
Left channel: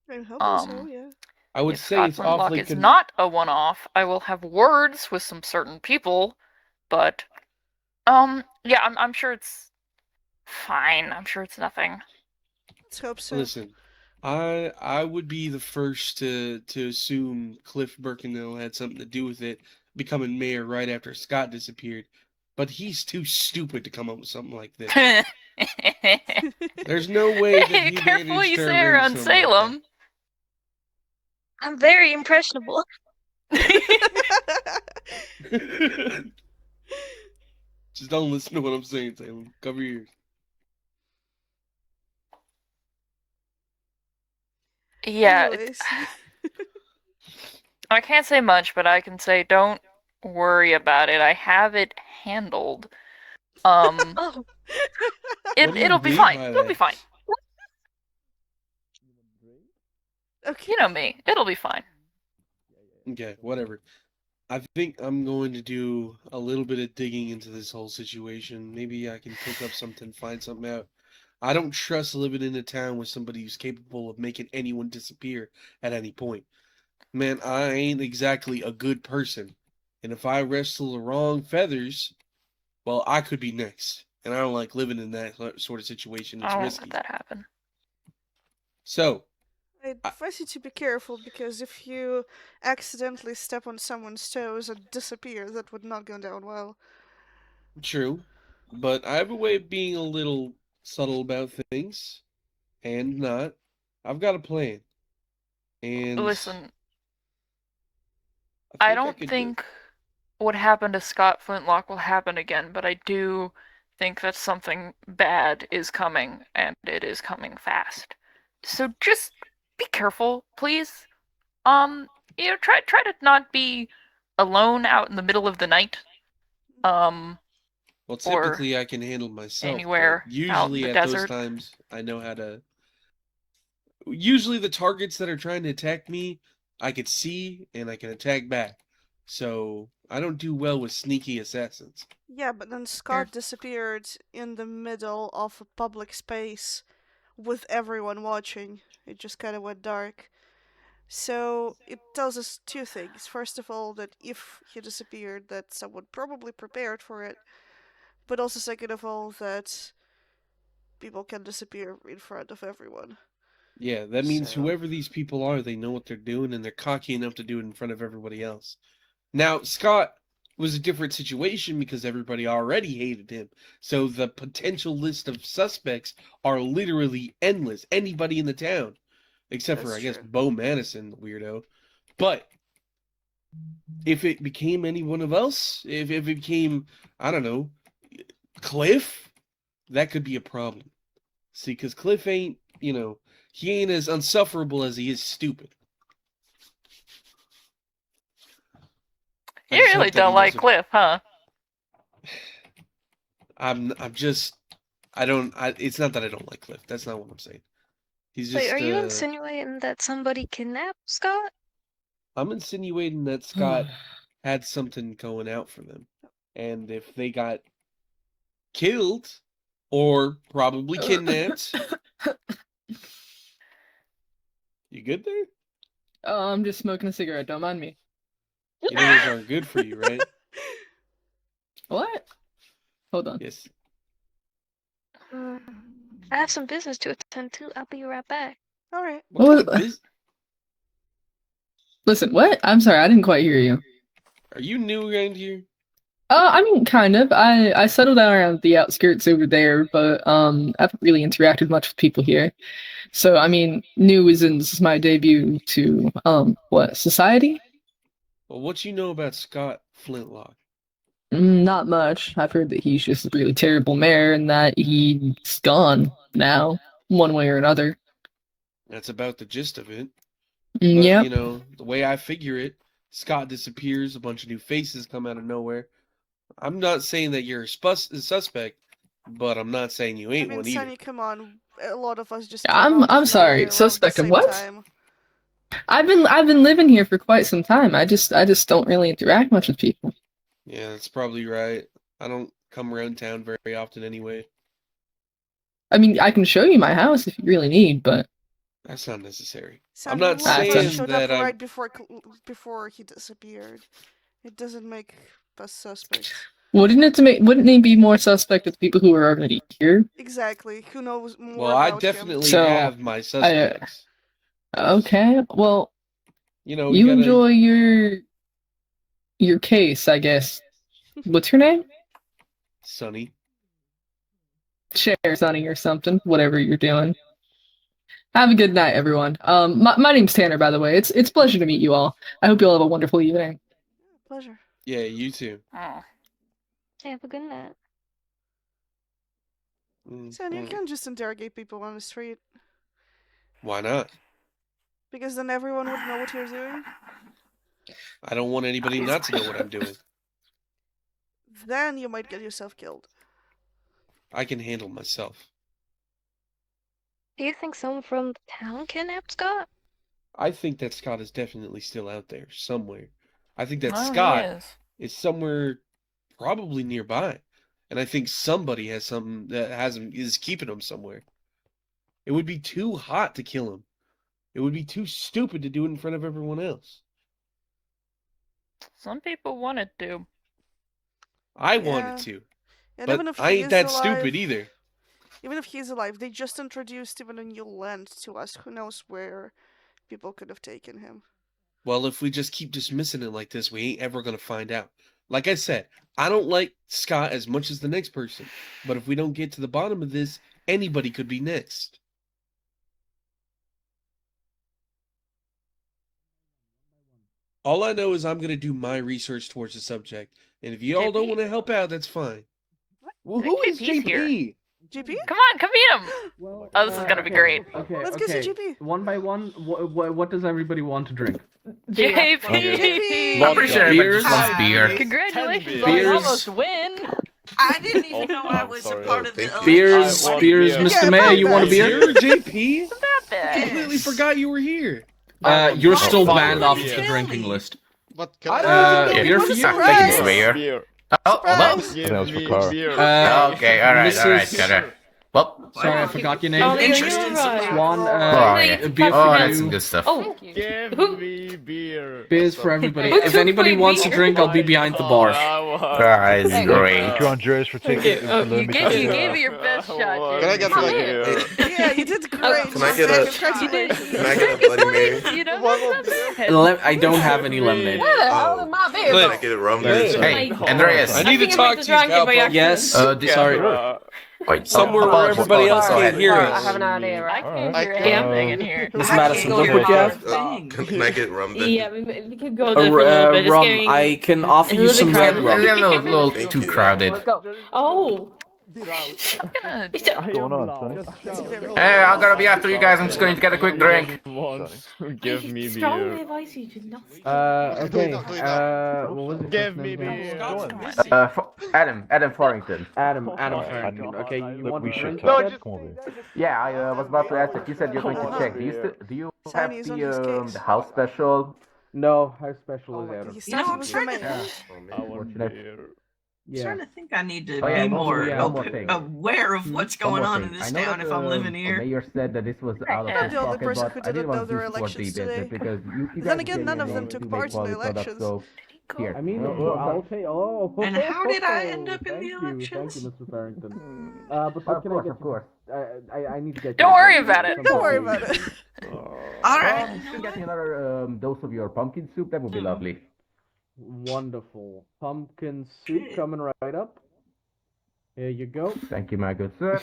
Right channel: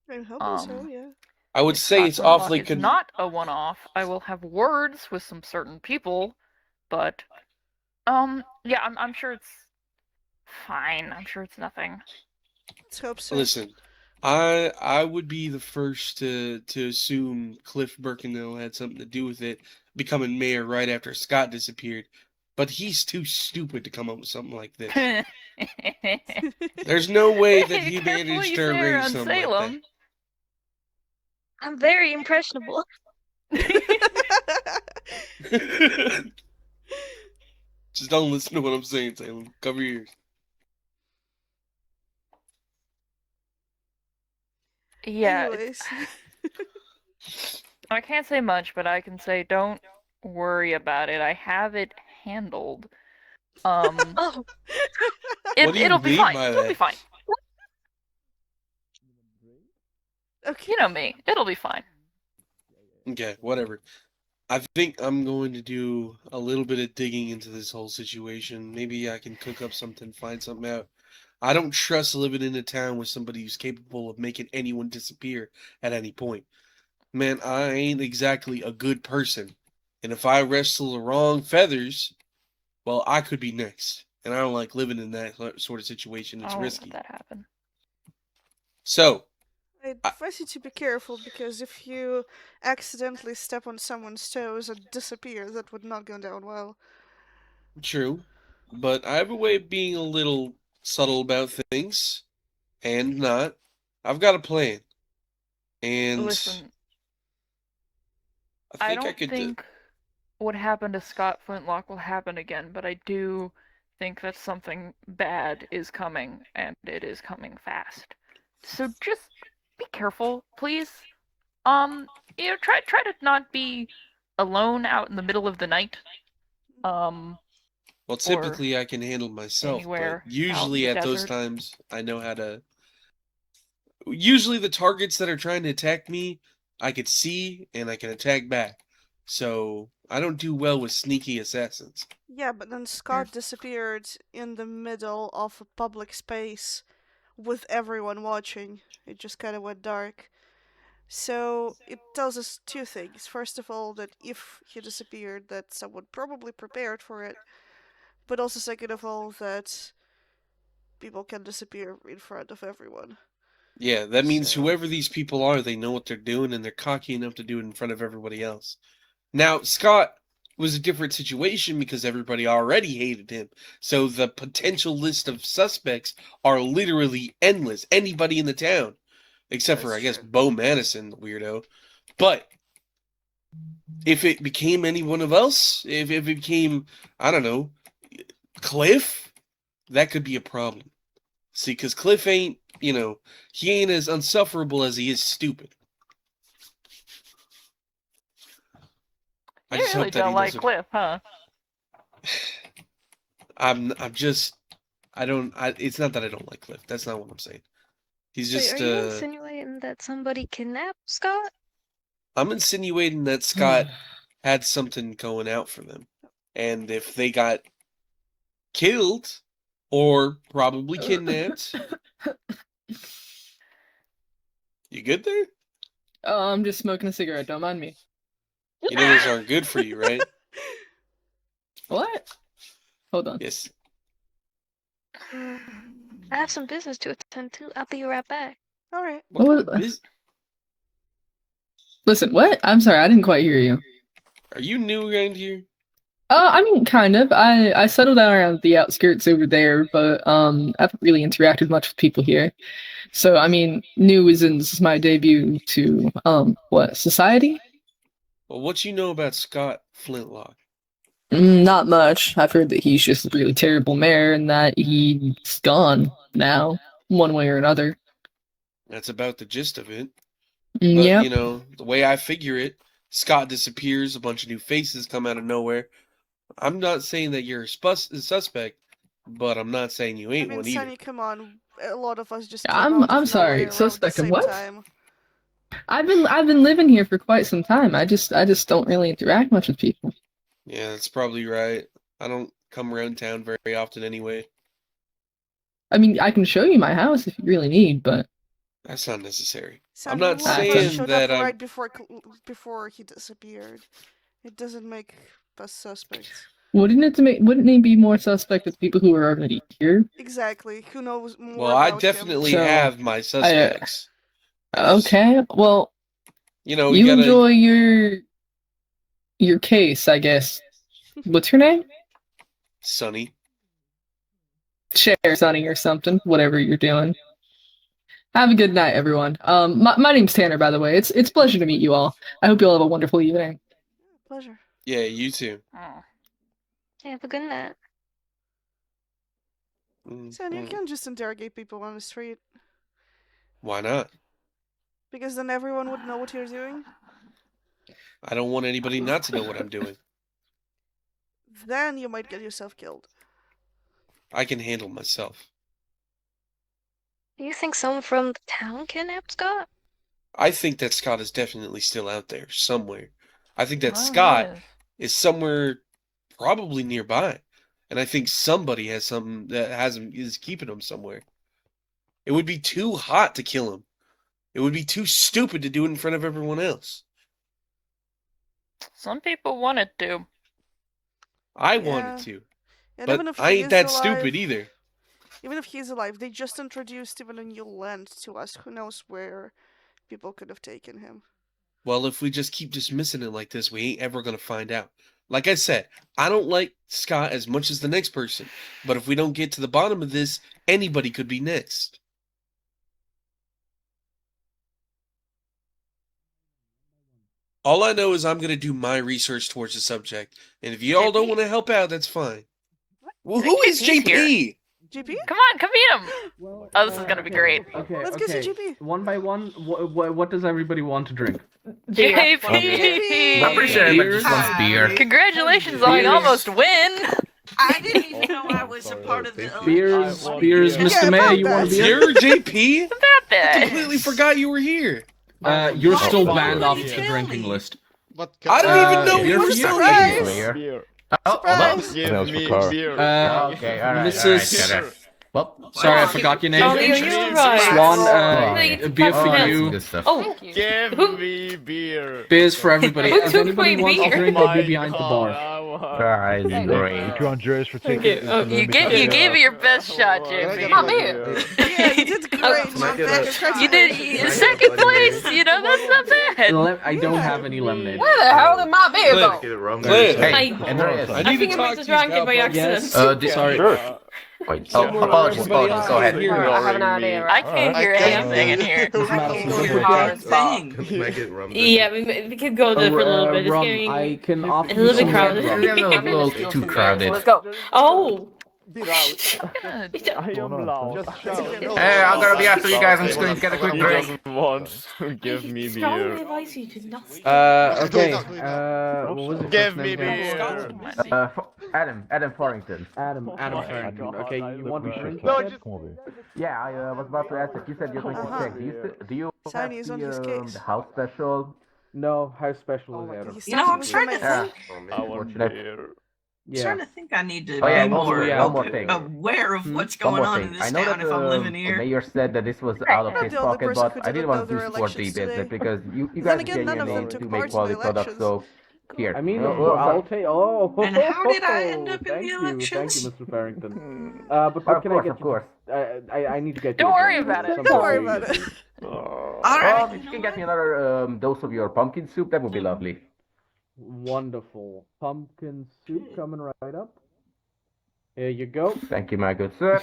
I'm hoping so, yeah. I would if say Scott it's Flintlock awfully is not a one-off, I will have words with some certain people, but yeah, I'm sure it's fine. I'm sure it's nothing. Let's hope so. Listen, I would be the first to assume Cliff Bercanel had something to do with it becoming mayor right after Scott disappeared, but he's too stupid to come up with something like this. There's no way that he Careful what managed you to say arrange around something like Salem. I'm very impressionable. that. Just don't listen to what I'm saying, Salem. Cover your ears. Yeah, Anyways. I can't say much, but I can say don't worry about it. I have it handled. Oh. What do you It'll be mean fine. by It'll be that? fine. Okay. You know me. It'll be fine. Okay, whatever. I think I'm going to do a little bit of digging into this whole situation. Maybe I can cook up something, find something out. I don't trust living in a town with somebody who's capable of making anyone disappear at any point. Man, I ain't exactly a good person. And if I wrestle the wrong feathers, well, I could be next. And I don't like living in that sort of situation. It's I won't risky. let that happen. So, I advise you to be careful, because if you accidentally step on someone's toes and disappear, that would not go down well. true. But I have a way of being a little subtle about things. And not. I've got a plan. And Listen, I don't think what happened to Scott Flintlock will happen again, but I do think that something bad is coming, and it is coming fast. So just be careful, please. Try to not be alone out in the middle of the night. Well, typically I can handle myself, anywhere but out in usually the at those desert. times I know how to. Usually the targets that are trying to attack me, I could see and I can attack back. So I don't do well with sneaky assassins. Yeah, but then Scott disappeared in the middle of a public space with everyone watching. It just kind of went dark. So it tells us two things. First of all, that if he disappeared, that someone probably prepared for it. But also, second of all, that people can disappear in front of everyone. Yeah, that means whoever these people are, they know what they're doing and they're cocky enough to do it in front of everybody else. Now, Scott was a different situation because everybody already hated him. So the potential list of suspects are literally endless. Anybody in the town. Except for, I guess, Bo Madison, the weirdo. But if it became anyone else, if it became, I don't know, Cliff, that could be a problem. See, because Cliff ain't, he ain't as unsufferable as he is stupid. You really don't like Cliff, huh? It's not that I don't like Cliff. That's not what I'm saying. He's just, Wait, are you insinuating that somebody kidnapped Scott? I'm insinuating that Scott had something going out for them. And if they got killed, or probably kidnapped. You good there? Oh, I'm just smoking a cigarette. Don't mind me. You know those aren't good for you, right? What? Hold on. Yes. I have some business to attend to. I'll be right back. All right. What kind of business? Listen, what? I'm sorry, I didn't quite hear you. Are you new around here? I mean, kind of. I settled down around the outskirts over there, but I haven't really interacted much with people here. So, I mean, new as in this is my debut to society? Well, what you know about Scott Flintlock? Not much. I've heard that he's just a really terrible mayor and that he's gone now, one way or another. That's about the gist of it. Yeah. The way I figure it, Scott disappears, a bunch of new faces come out of nowhere. I'm not saying that you're a suspect, but I'm not saying you ain't one either. Sonny, come on. A lot of us just came out I'm of sorry. nowhere Suspect around of the same what? time. I've been living here for quite some time. I just don't really interact much with people. Yeah, that's probably right. I don't come around town very often anyway. I mean, I can show you my house if you really need, but that's not necessary. I'm Sandy, not who first saying showed that up I'm. right before he disappeared. It doesn't make us suspects. Wouldn't he be more suspect with people who are already here? Exactly. Who knows more Well, I about him? definitely So, have my suspects. Okay, well, You know, we you gotta. enjoy your case, I guess. What's your name? Sonny. Share Sonny or something, whatever you're doing. Have a good night, everyone. My name's Tanner, by the way. It's a pleasure to meet you all. I hope you all have a wonderful evening. Pleasure. Yeah, you too. Have a good night. Sandy, you can't just interrogate people on the street. Why not? Because then everyone would know what you're doing. I don't want anybody not to know what I'm doing. Then you might get yourself killed. I can handle myself. Do you think someone from the town kidnapped Scott? I think that Scott is definitely still out there somewhere. I think that Oh, Scott yes. is somewhere probably nearby. And I think somebody has something that has him is keeping him somewhere. It would be too hot to kill him. It would be too stupid to do it in front of everyone else. Some people wanted to. I wanted to. And But even if I he ain't is that alive, stupid either. Even if he's alive, they just introduced even a new land to us. Who knows where people could have taken him. Well, if we just keep dismissing it like this, we ain't ever going to find out. Like I said, I don't like Scott as much as the next person. But if we don't get to the bottom of this, anybody could be next. All I know is I'm going to do my research towards the subject. And if you all don't want to help out, that's fine. Well, who is JP's JP? JP? Come on, come meet him! Oh, this is gonna be great. Okay, Let's go see okay. JP. One by one, what does everybody want to drink? JP! I'm pretty sure everybody just wants beer. Congratulations on Beers. the almost win! I didn't even know I was a part of the Beers, election. beers, Mr. Mayor, you want a beer? You're JP? That I completely forgot you were here. You're Why still didn't banned nobody off the tell drinking me? list. What I don't even know You're what for a you. Surprise! Mayor. Surprise! I think that's for Cara. Okay, alright, Mrs. alright. Well, Sorry, I forgot your name. Ollie, are you alright? Swan, No, you a took beer part for in that. you. good stuff. Oh, Give me beer. Beers for everybody. Who If took anybody my wants a beer? drink, I'll be behind the bar. Guys, great. Thank you, Andres, for Thank taking you. for Oh, letting You me gave, take you it. gave it your best shot, JP. Yeah, you did great. You did second place, you know, that's not bad. I don't have any lemonade. Where the hell did my beer go? Cliff, Hey, Andreas. I I need think to I might talk have to you drank it about by pumpkin. accident. Sorry. Somewhere where everybody else Go can ahead. hear I us. have an idea, I right? can't I hear can't- anything in here. Miss I Madison, can't what go do to you the have? thing. Yeah, we could go there for a little bit. It's Rum, getting I can a offer you little some bit red crowded. rum. Maybe I'm a little too crowded. Let's go. Oh, Good. What's going on, son? Hey, I'm gonna be after you guys. I'm just going to get a quick drink. Give me strongly beer. advise you to not. Okay, what was it? Give me beer. Adam Farrington. Adam Farrington. Okay, you want We to should drink? touch. Come over here. Yeah, I was about to ask if you said you're going to check. Do you have Sunny is on his case. the house special? No, how special is Adam? He You know, started I'm with the starting to mayor. think. I want beer. I'm Yeah. starting to think I need to Oh, yeah, be more one more thing. aware of what's going on in this town if I'm living here. Mayor said that this was out of Not his the only pocket, person but who I didn't didn't know want to there were support the elections business today. because you Then guys again, gave none me of a them name took to part make in the quality products, elections. so here. I mean, Well, I'll take. Oh. And how did I end up in thank the you, elections? Thank you, Mr. Farrington. But what Of can course, I get of you? course. I need to get. Don't you a worry drink. about it. Something Don't worry to eat. about it. All right. If you can get me another dose of your pumpkin soup, that would be lovely. Wonderful. Pumpkin soup coming right up. Here you go. Thank you, my good sir.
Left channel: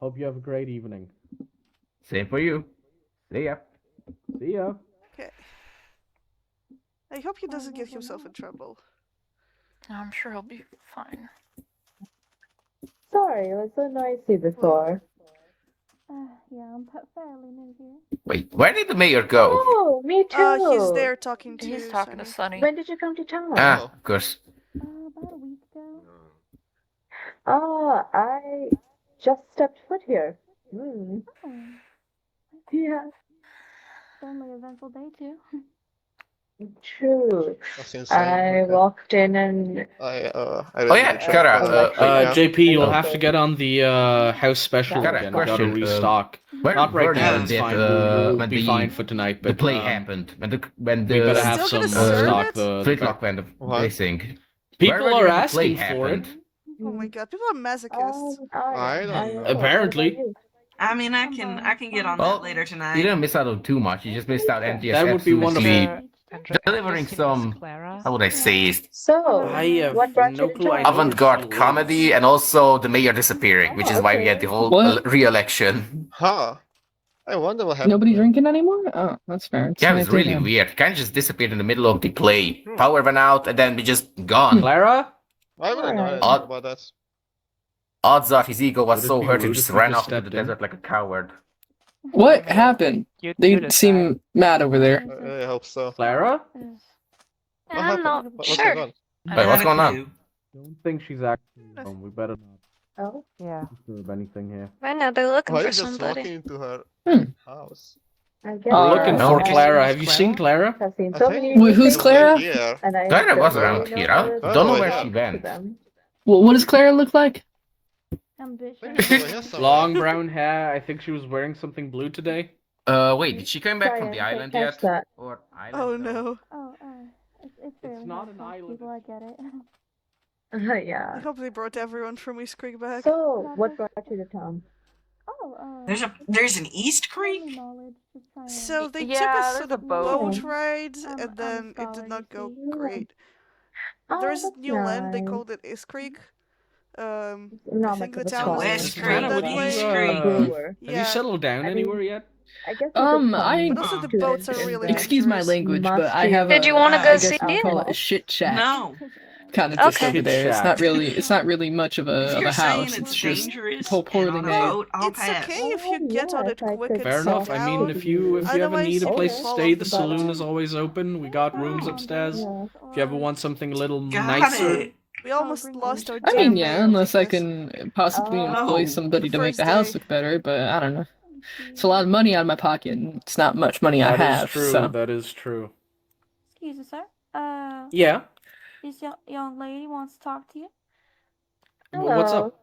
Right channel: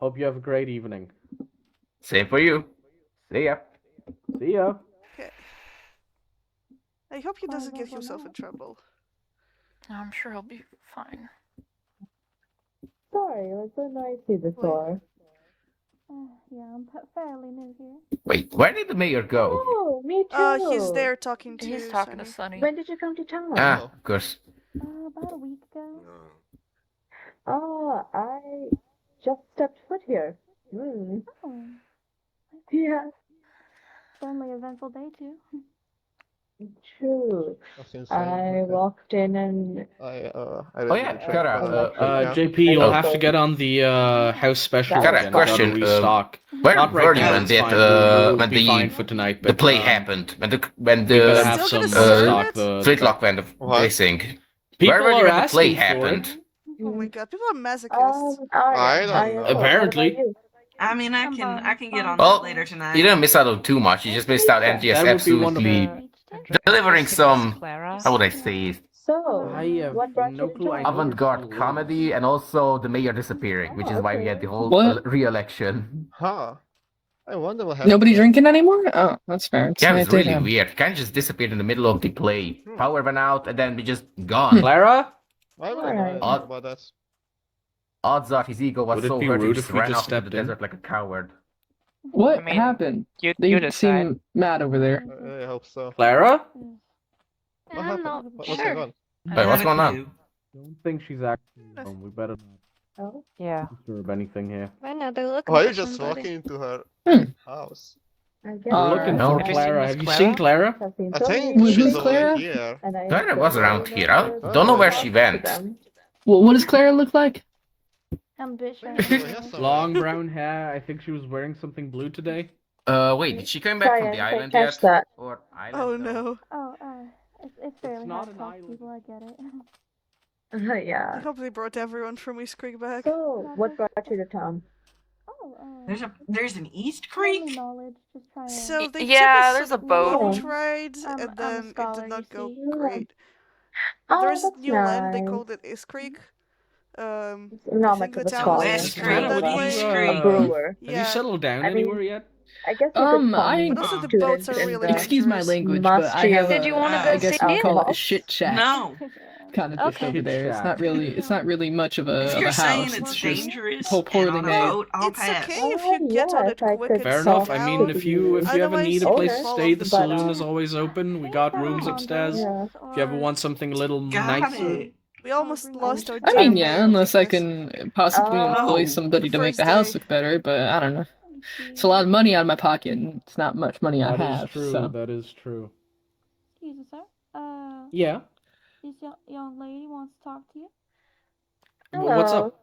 Hope you have a great evening. Same for you. See ya. See ya. Okay. I hope he doesn't get himself in trouble. I'm sure he'll be fine. Sorry, it was so noisy before. Yeah, I'm fairly new here. Wait, where did the mayor go? Oh, me too. He's there talking to He's talking to Sunny. When did you come to town? Ah, of course. About a week ago. Oh, I just stepped foot here. Hmm. Oh, Yeah. it's only an eventful day too. True. That's insane. I walked in and I Oh yeah, Kara. JP, you'll have to get on the house special Kara, again. We gotta question. restock. Where Not right were now. you It's that fine. We'll when be the fine for tonight. the But play happened when we better the have Still some gonna serve stock. it? The flintlock went of missing. people Where were are you when the play asking for it. happened? Oh my god, people are masochists. I don't know. Apparently, I mean, I can get on Well, that later tonight. you didn't miss out on too much. You just missed out on just that would be absolutely wonderful. delivering some. How would I say it? so I have what brought no you to clue. I town? know Avant-garde comedy and also the mayor disappearing, which is why we had the whole What? re-election. Huh. I wonder what happened. Nobody drinking anymore? Oh, that's fair. It's Yeah, it was not really damn. weird. Kind of just disappeared in the middle of the play. Power went out, and then we just gone. Clara? Why would I talk about that? Odds are his ego was Would it so be hurt he rude just if we ran just off into the stepped in? desert like a coward. What happened? They seem mad over there. I hope so. Clara? I'm not What's sure. going on? Wait, what's going on? Don't think she's actually home. We better not Oh, Yeah. disturb anything here. Right now they're looking Why are for you just somebody. walking into her house? I guess We're looking no. for Clara. Have you seen Clara? I've seen I so think many Who's she's Clara? over here. and I Clara don't was really around know here. I where to don't know where talk she to went. them. What does Clara look like? Ambitious. Long brown hair. I think she was wearing something blue today. Wait, did she come back from Sorry, the I didn't island catch yet? that. Or island? Oh no. Oh, it's fairly not hard an to ask island. people, I get it. I Yeah. hope they brought everyone from WESTCREEK back. So, what brought you to town? Oh, There's an East Creek. knowledge, just trying to... So they Yeah, took us there's to a the boat. boat ride, I'm and a then it scholar, did not you go see. great. Oh, There's that's new land, they nice. called it WESTCREEK. I Not think much the of a town scholar. is WESTCREEK, named that way. Brewer. Have you settled down I mean, anywhere yet? I guess you could I But also the boats are really excuse my dangerous. language, but I have Did you want to I go guess see we it? call it a shit shack. No. Kind of just Okay. over there. Shack. It's not really much of a If of you're a saying house. it's It's just dangerous poorly and on a made. boat, I'll It's pass. okay if you get on it quick and Fair sit enough. I mean, down. if you ever Otherwise, need a you place can to fall stay, off the the saloon boat. is always open. We got rooms upstairs. If you ever want something a little nicer. We almost lost our I mean, town yeah, mayor unless I because- can possibly employ Oh. somebody to The make the first house day. look better, but I don't know. It's a lot of money out of my pocket, and it's not much money I That is have. true. So. That is true. Excuse me, sir. Yeah. This young lady wants to talk to you. Well, what's up?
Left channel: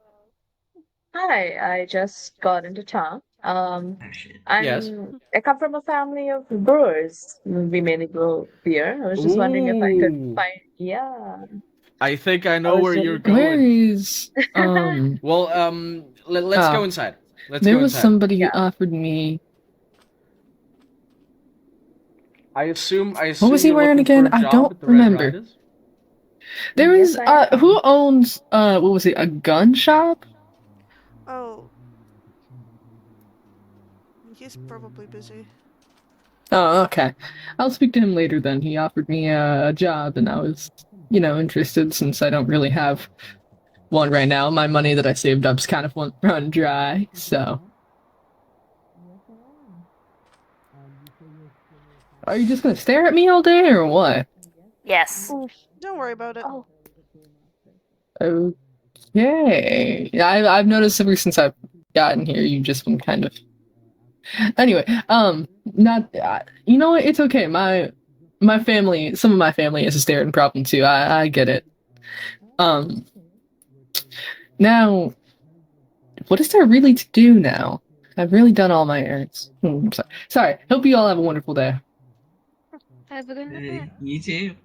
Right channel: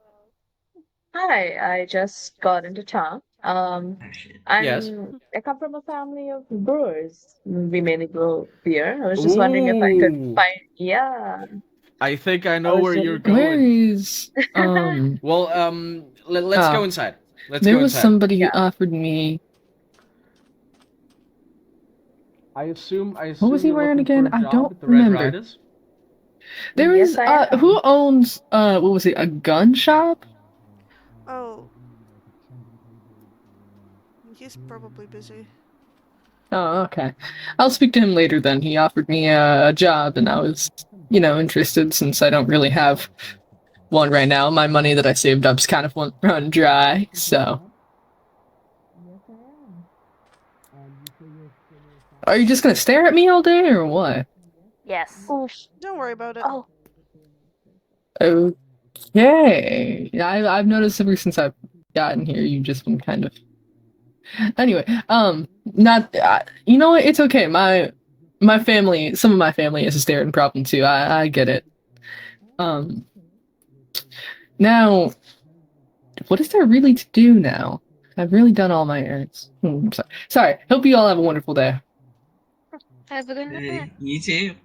Hi, I just got into town. Yes. I come from a family of brewers. We mainly brew beer. I was just wondering if I could Ooh. find. Yeah. I think I know was where really you're good. Where going. is Well, let's go inside. Let's there go was inside. somebody who offered me. I assume. What was he you're wearing looking for again? a I job don't at the Red remember. Riders? There Yes, is I am. who owns what was it? A gun shop? Oh. He's probably busy. Oh, okay. I'll speak to him later then. He offered me a job, and I was, interested since I don't really have one right now. My money that I saved up's kind of run dry, so. Are you just gonna stare at me all day, or what? Yes. Don't worry about it. Oh. Okay. Yeah, I've noticed ever since I've gotten here, you've just been kind of. Anyway, not. You know what? It's okay. My family, some of my family has a staring problem too. I get it. Now, what is there really to do now? I've really done all my errands. Sorry. Hope you all have a wonderful day. Have a good night. You too.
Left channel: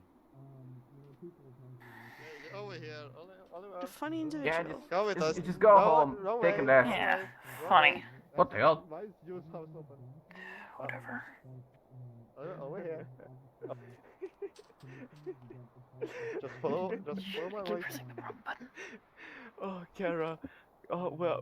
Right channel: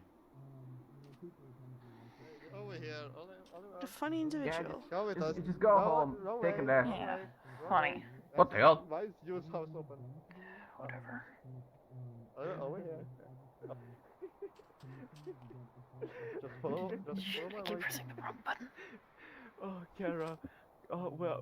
The funny individual. Go with us. Just go home. Take a nap. Yeah, funny. What the hell? Why is Jules' house open? Whatever. Over here. Just follow my way. Pressing the wrong button. Oh, Kara. Oh, well.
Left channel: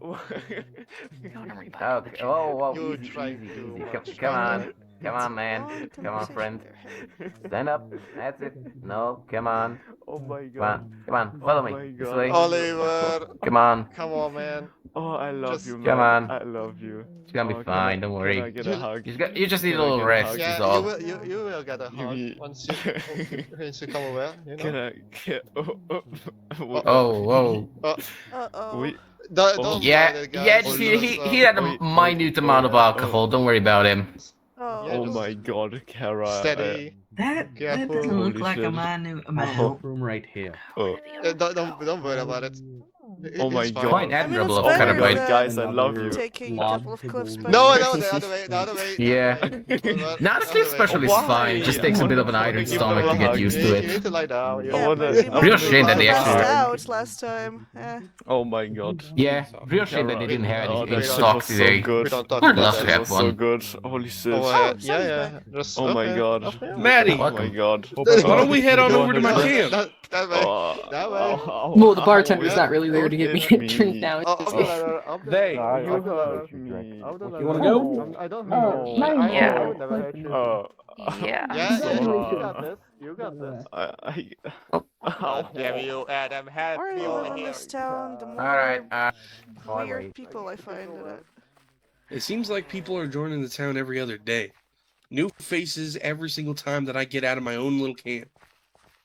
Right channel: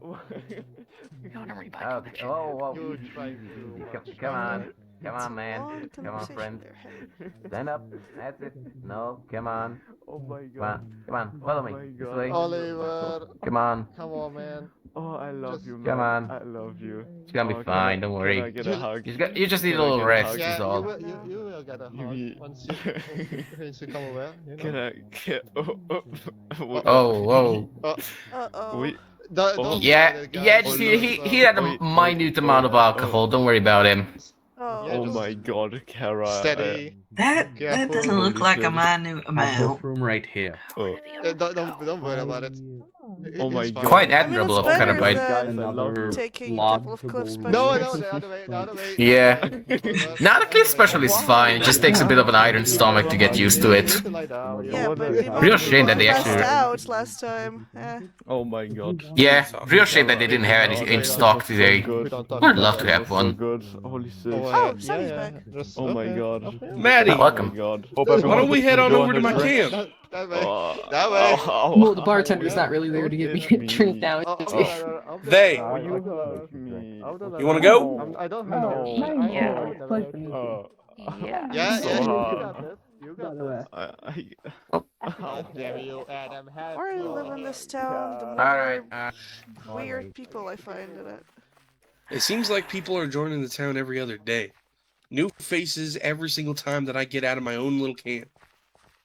Go on and rebuy Okay. Whoa. You Easy, tried easy, too easy. much. Come on. Come It's on, a man. long Come on, conversation friend. they're having. Stand up. That's it. No, come on. Oh my Come god. on. Come on. Follow me. Oh my This god. way. Oliver. Come on. Come on, man. Oh, I love you, man. Come on. I love you. It's gonna be fine. Don't worry. Can I get a hug? You just need a little rest. Yeah, Is all. you will get a hug once you come over. Can I get? Oh, whoa. Uh-oh. Yeah. Just he had a minute amount of alcohol. Don't worry about him. Oh my god, Kara. Steady. That Careful. doesn't look Holy like a shit. minute Half amount. room right here. Don't worry about it. Oh my It's fine. god. Quite I mean, admirable it's of better Carabyte. Guys, I love you. than taking a log couple of to cliff go No, specialists. the other way. Yeah. Now the cliff specialist is fine. It just takes a bit of an iron stomach to get used to it. You need to lie down. Yeah, wanna- but I Real remember shame that you they passed actually. out last time. Oh my god. Yeah, real shame that they didn't have Oh, any that in shit stock was so today. good. We don't talk Would about love that. to That have was so one. good. Holy shit. Oh, Sunny's back. Just, Oh my okay. god. Okay. Maddie, Oh my god. why don't we head on over to my Drink. camp? That way. Oh, That way. Well, the bartender's not really there to give me a drink now. They. You want to go? I don't No, not even Yeah. cool. It's quite the- Yeah. Yeah, so you hard. got this. You got this. Damn you, Adam. The more I live in this town, the Alright, more weird people I find in it. It seems like people are joining the town every other day. New faces every single time that I get out of my own little camp.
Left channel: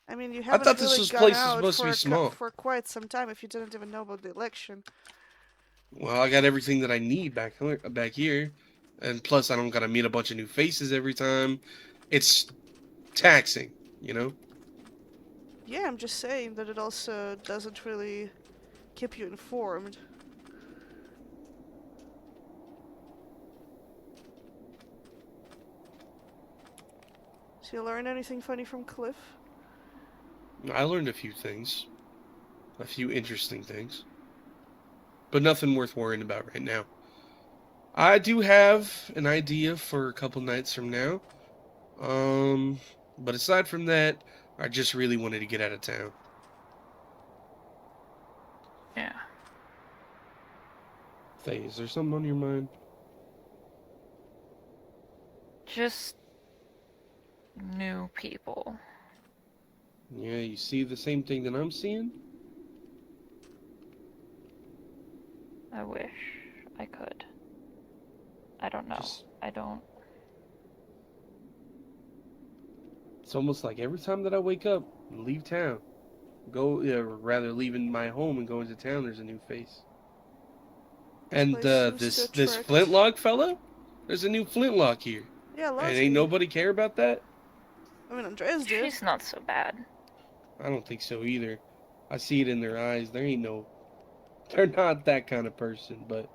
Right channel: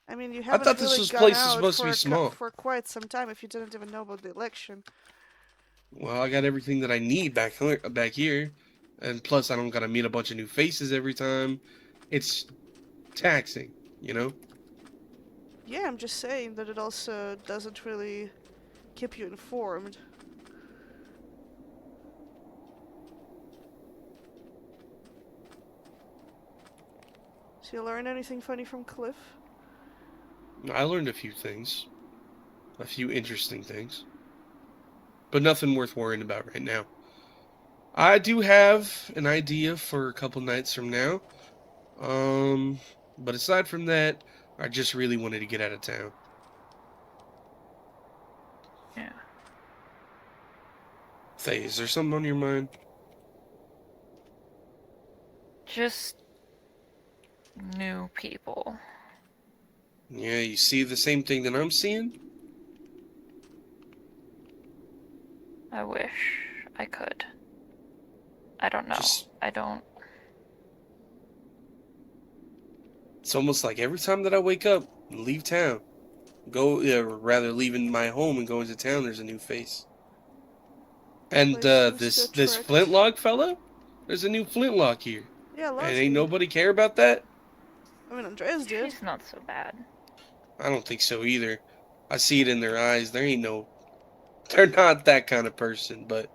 I mean, you I haven't thought this really was gone place is out supposed to be small. for quite some time if you didn't even know about the election. Well, I got everything that I need back here, and plus I don't gotta meet a bunch of new faces every time. It's taxing, you know. Yeah, I'm just saying that it also doesn't really keep you informed. So you learn anything funny from Cliff? I learned a few things, a few interesting things, but nothing worth worrying about right now. I do have an idea for a couple nights from now, but aside from that, I just really wanted to get out of town. Yeah. Faye, is there something on your mind? Just new people. Yeah, you see the same thing that I'm seeing? I wish I could. I don't know. I don't. It's almost like every time that I wake up and leave town, or rather leaving my home and going to town, there's a new face. And Place seems to this attract- flintlock fella, there's a new flintlock here. Yeah, lots And ain't nobody care about that? I mean, Andreas did. She's not so bad. I don't think so either. I see it in their eyes. They're not that kind of person, but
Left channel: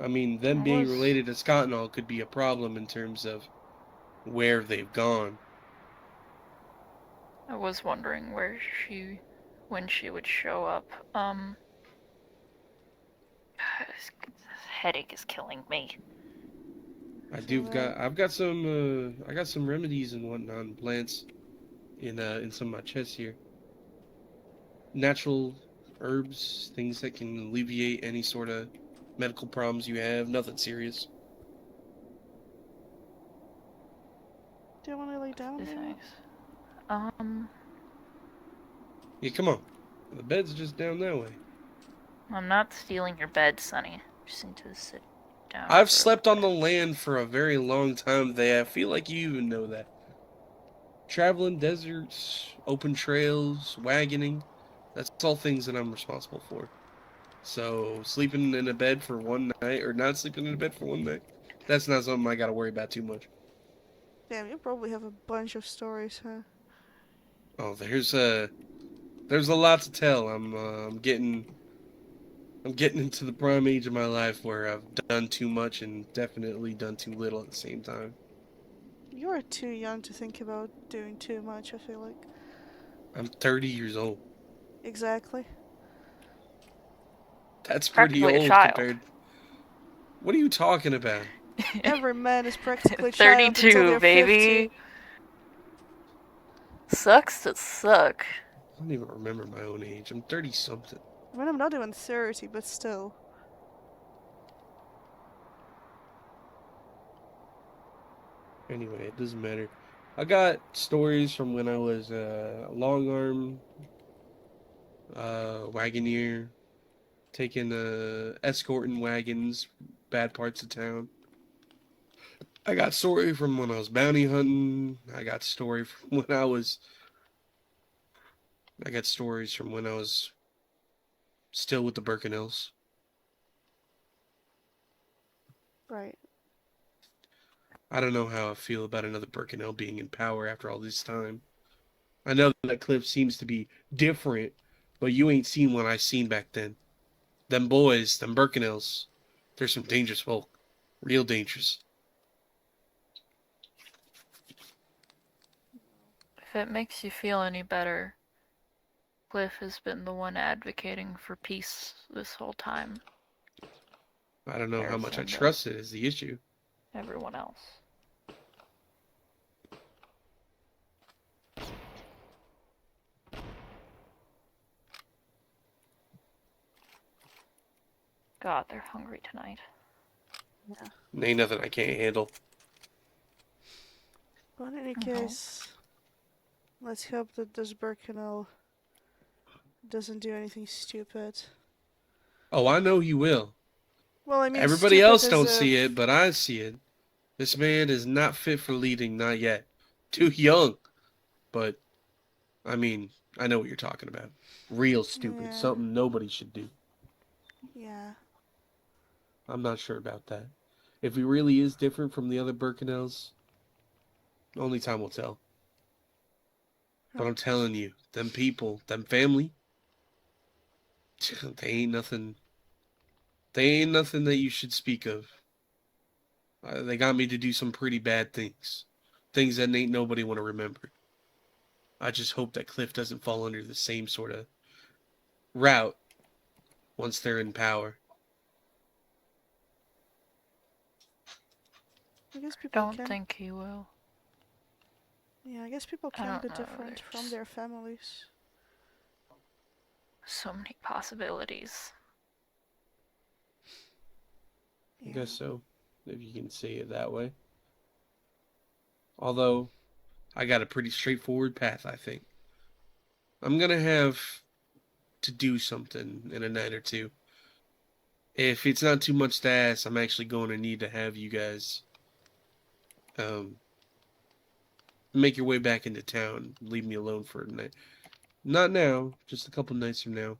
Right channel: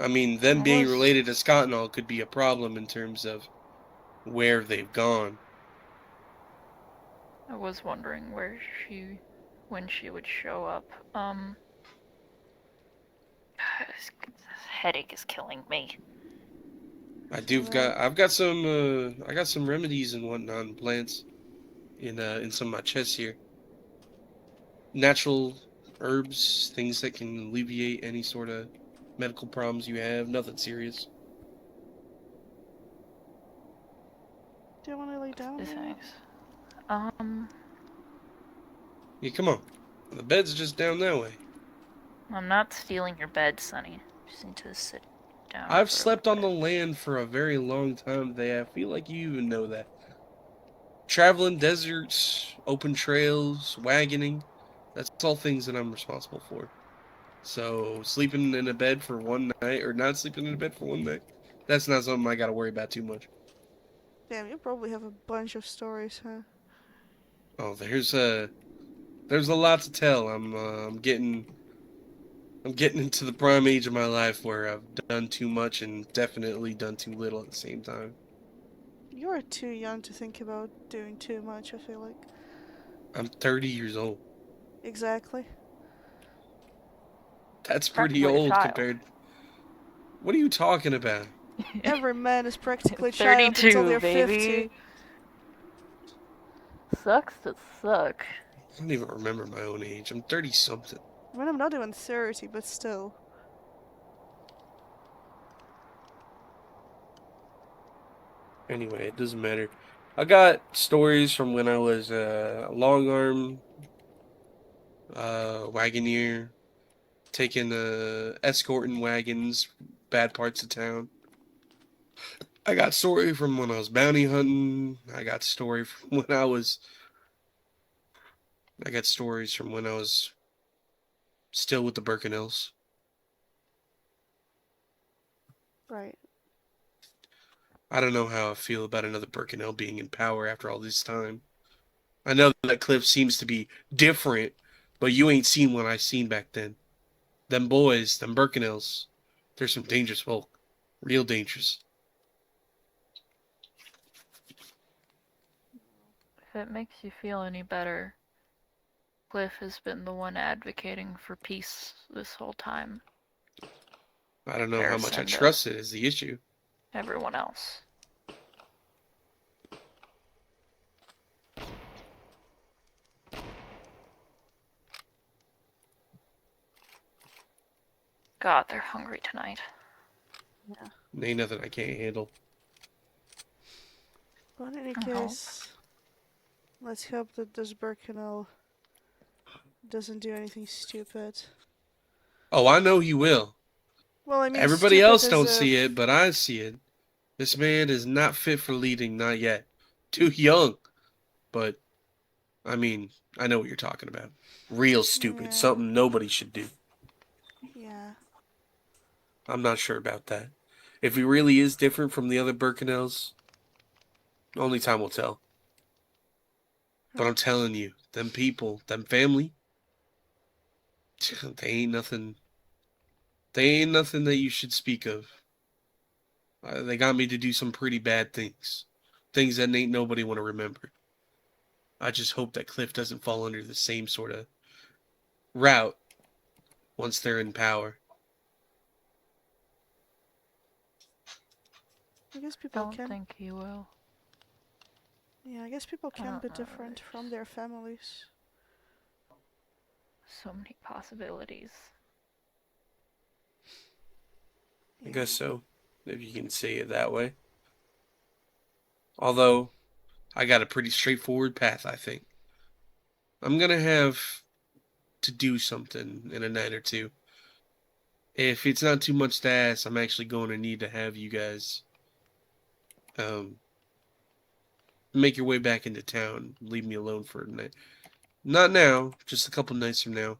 I mean, them being Unless- related to Scott and all could be a problem in terms of where they've gone. I was wondering when she would show up. This headache is killing me. I've got some remedies and whatnot and plants in some of my chests here. Natural herbs, things that can alleviate any sort of medical problems you have. Nothing serious. Do you want to lay down? Is Maybe? nice. Yeah, come on. The bed's just down that way. I'm not stealing your bed, Sonny. Just need to sit down. I've for a slept on the land for a very long time. I feel like you even know that. Traveling deserts, open trails, wagoning, that's all things that I'm responsible for. So, sleeping in a bed for one night, or not sleeping in a bed for one night, that's not something I gotta worry about too much. Damn, you probably have a bunch of stories, huh? Oh, there's a lot to tell. I'm getting into the prime age of my life where I've done too much and definitely done too little at the same time. You're too young to think about doing too much, I feel like. I'm 30 years old. Exactly. That's pretty Practically a old child. compared. What are you talking about? Every man is practically child until 32, they're baby. 50. Sucks to suck. I don't even remember my own age. I'm 30 something. I mean, I'm not even 30, but still. Anyway, it doesn't matter. I got stories from when I was a long arm wagoneer, taking escorting wagons, bad parts of town. I got story from when I was bounty hunting. I got stories from when I was still with the Bercanels. Right. I don't know how I feel about another Bercanel being in power after all this time. I know that Cliff seems to be different, but you ain't seen what I seen back then. Them boys, them Bercanels, they're some dangerous folk. Real dangerous. If it makes you feel any better, Cliff has been the one advocating for peace this whole time. I don't know how much I trust it is the issue. Everyone else. God, they're hungry tonight. Yeah. Ain't nothing I can't handle. But in any case, let's hope that this Bercanel doesn't do anything stupid. Oh, I know he will. Well, I mean, everybody else don't see it, but I see it. This man is not fit for leading, not yet. Too young. But, I mean, I know what you're talking about. Real stupid. Yeah. Something nobody should do. Yeah. I'm not sure about that. If he really is different from the other Bercanels, only time will tell. But I'm telling you, them people, them family, they ain't nothing. They ain't nothing that you should speak of. They got me to do some pretty bad things. Things that ain't nobody want to remember. I just hope that Cliff doesn't fall under the same sort of route once they're in power. I guess people Don't think he will. Yeah, I guess people can be different from their families. So many possibilities. I guess so, if you can say it that way. Although, I got a pretty straightforward path, I think. I'm gonna have to do something in a night or two. If it's not too much to ask, I'm actually going to need to have you guys make your way back into town. Leave me alone for a night. Not now, just a couple nights from now.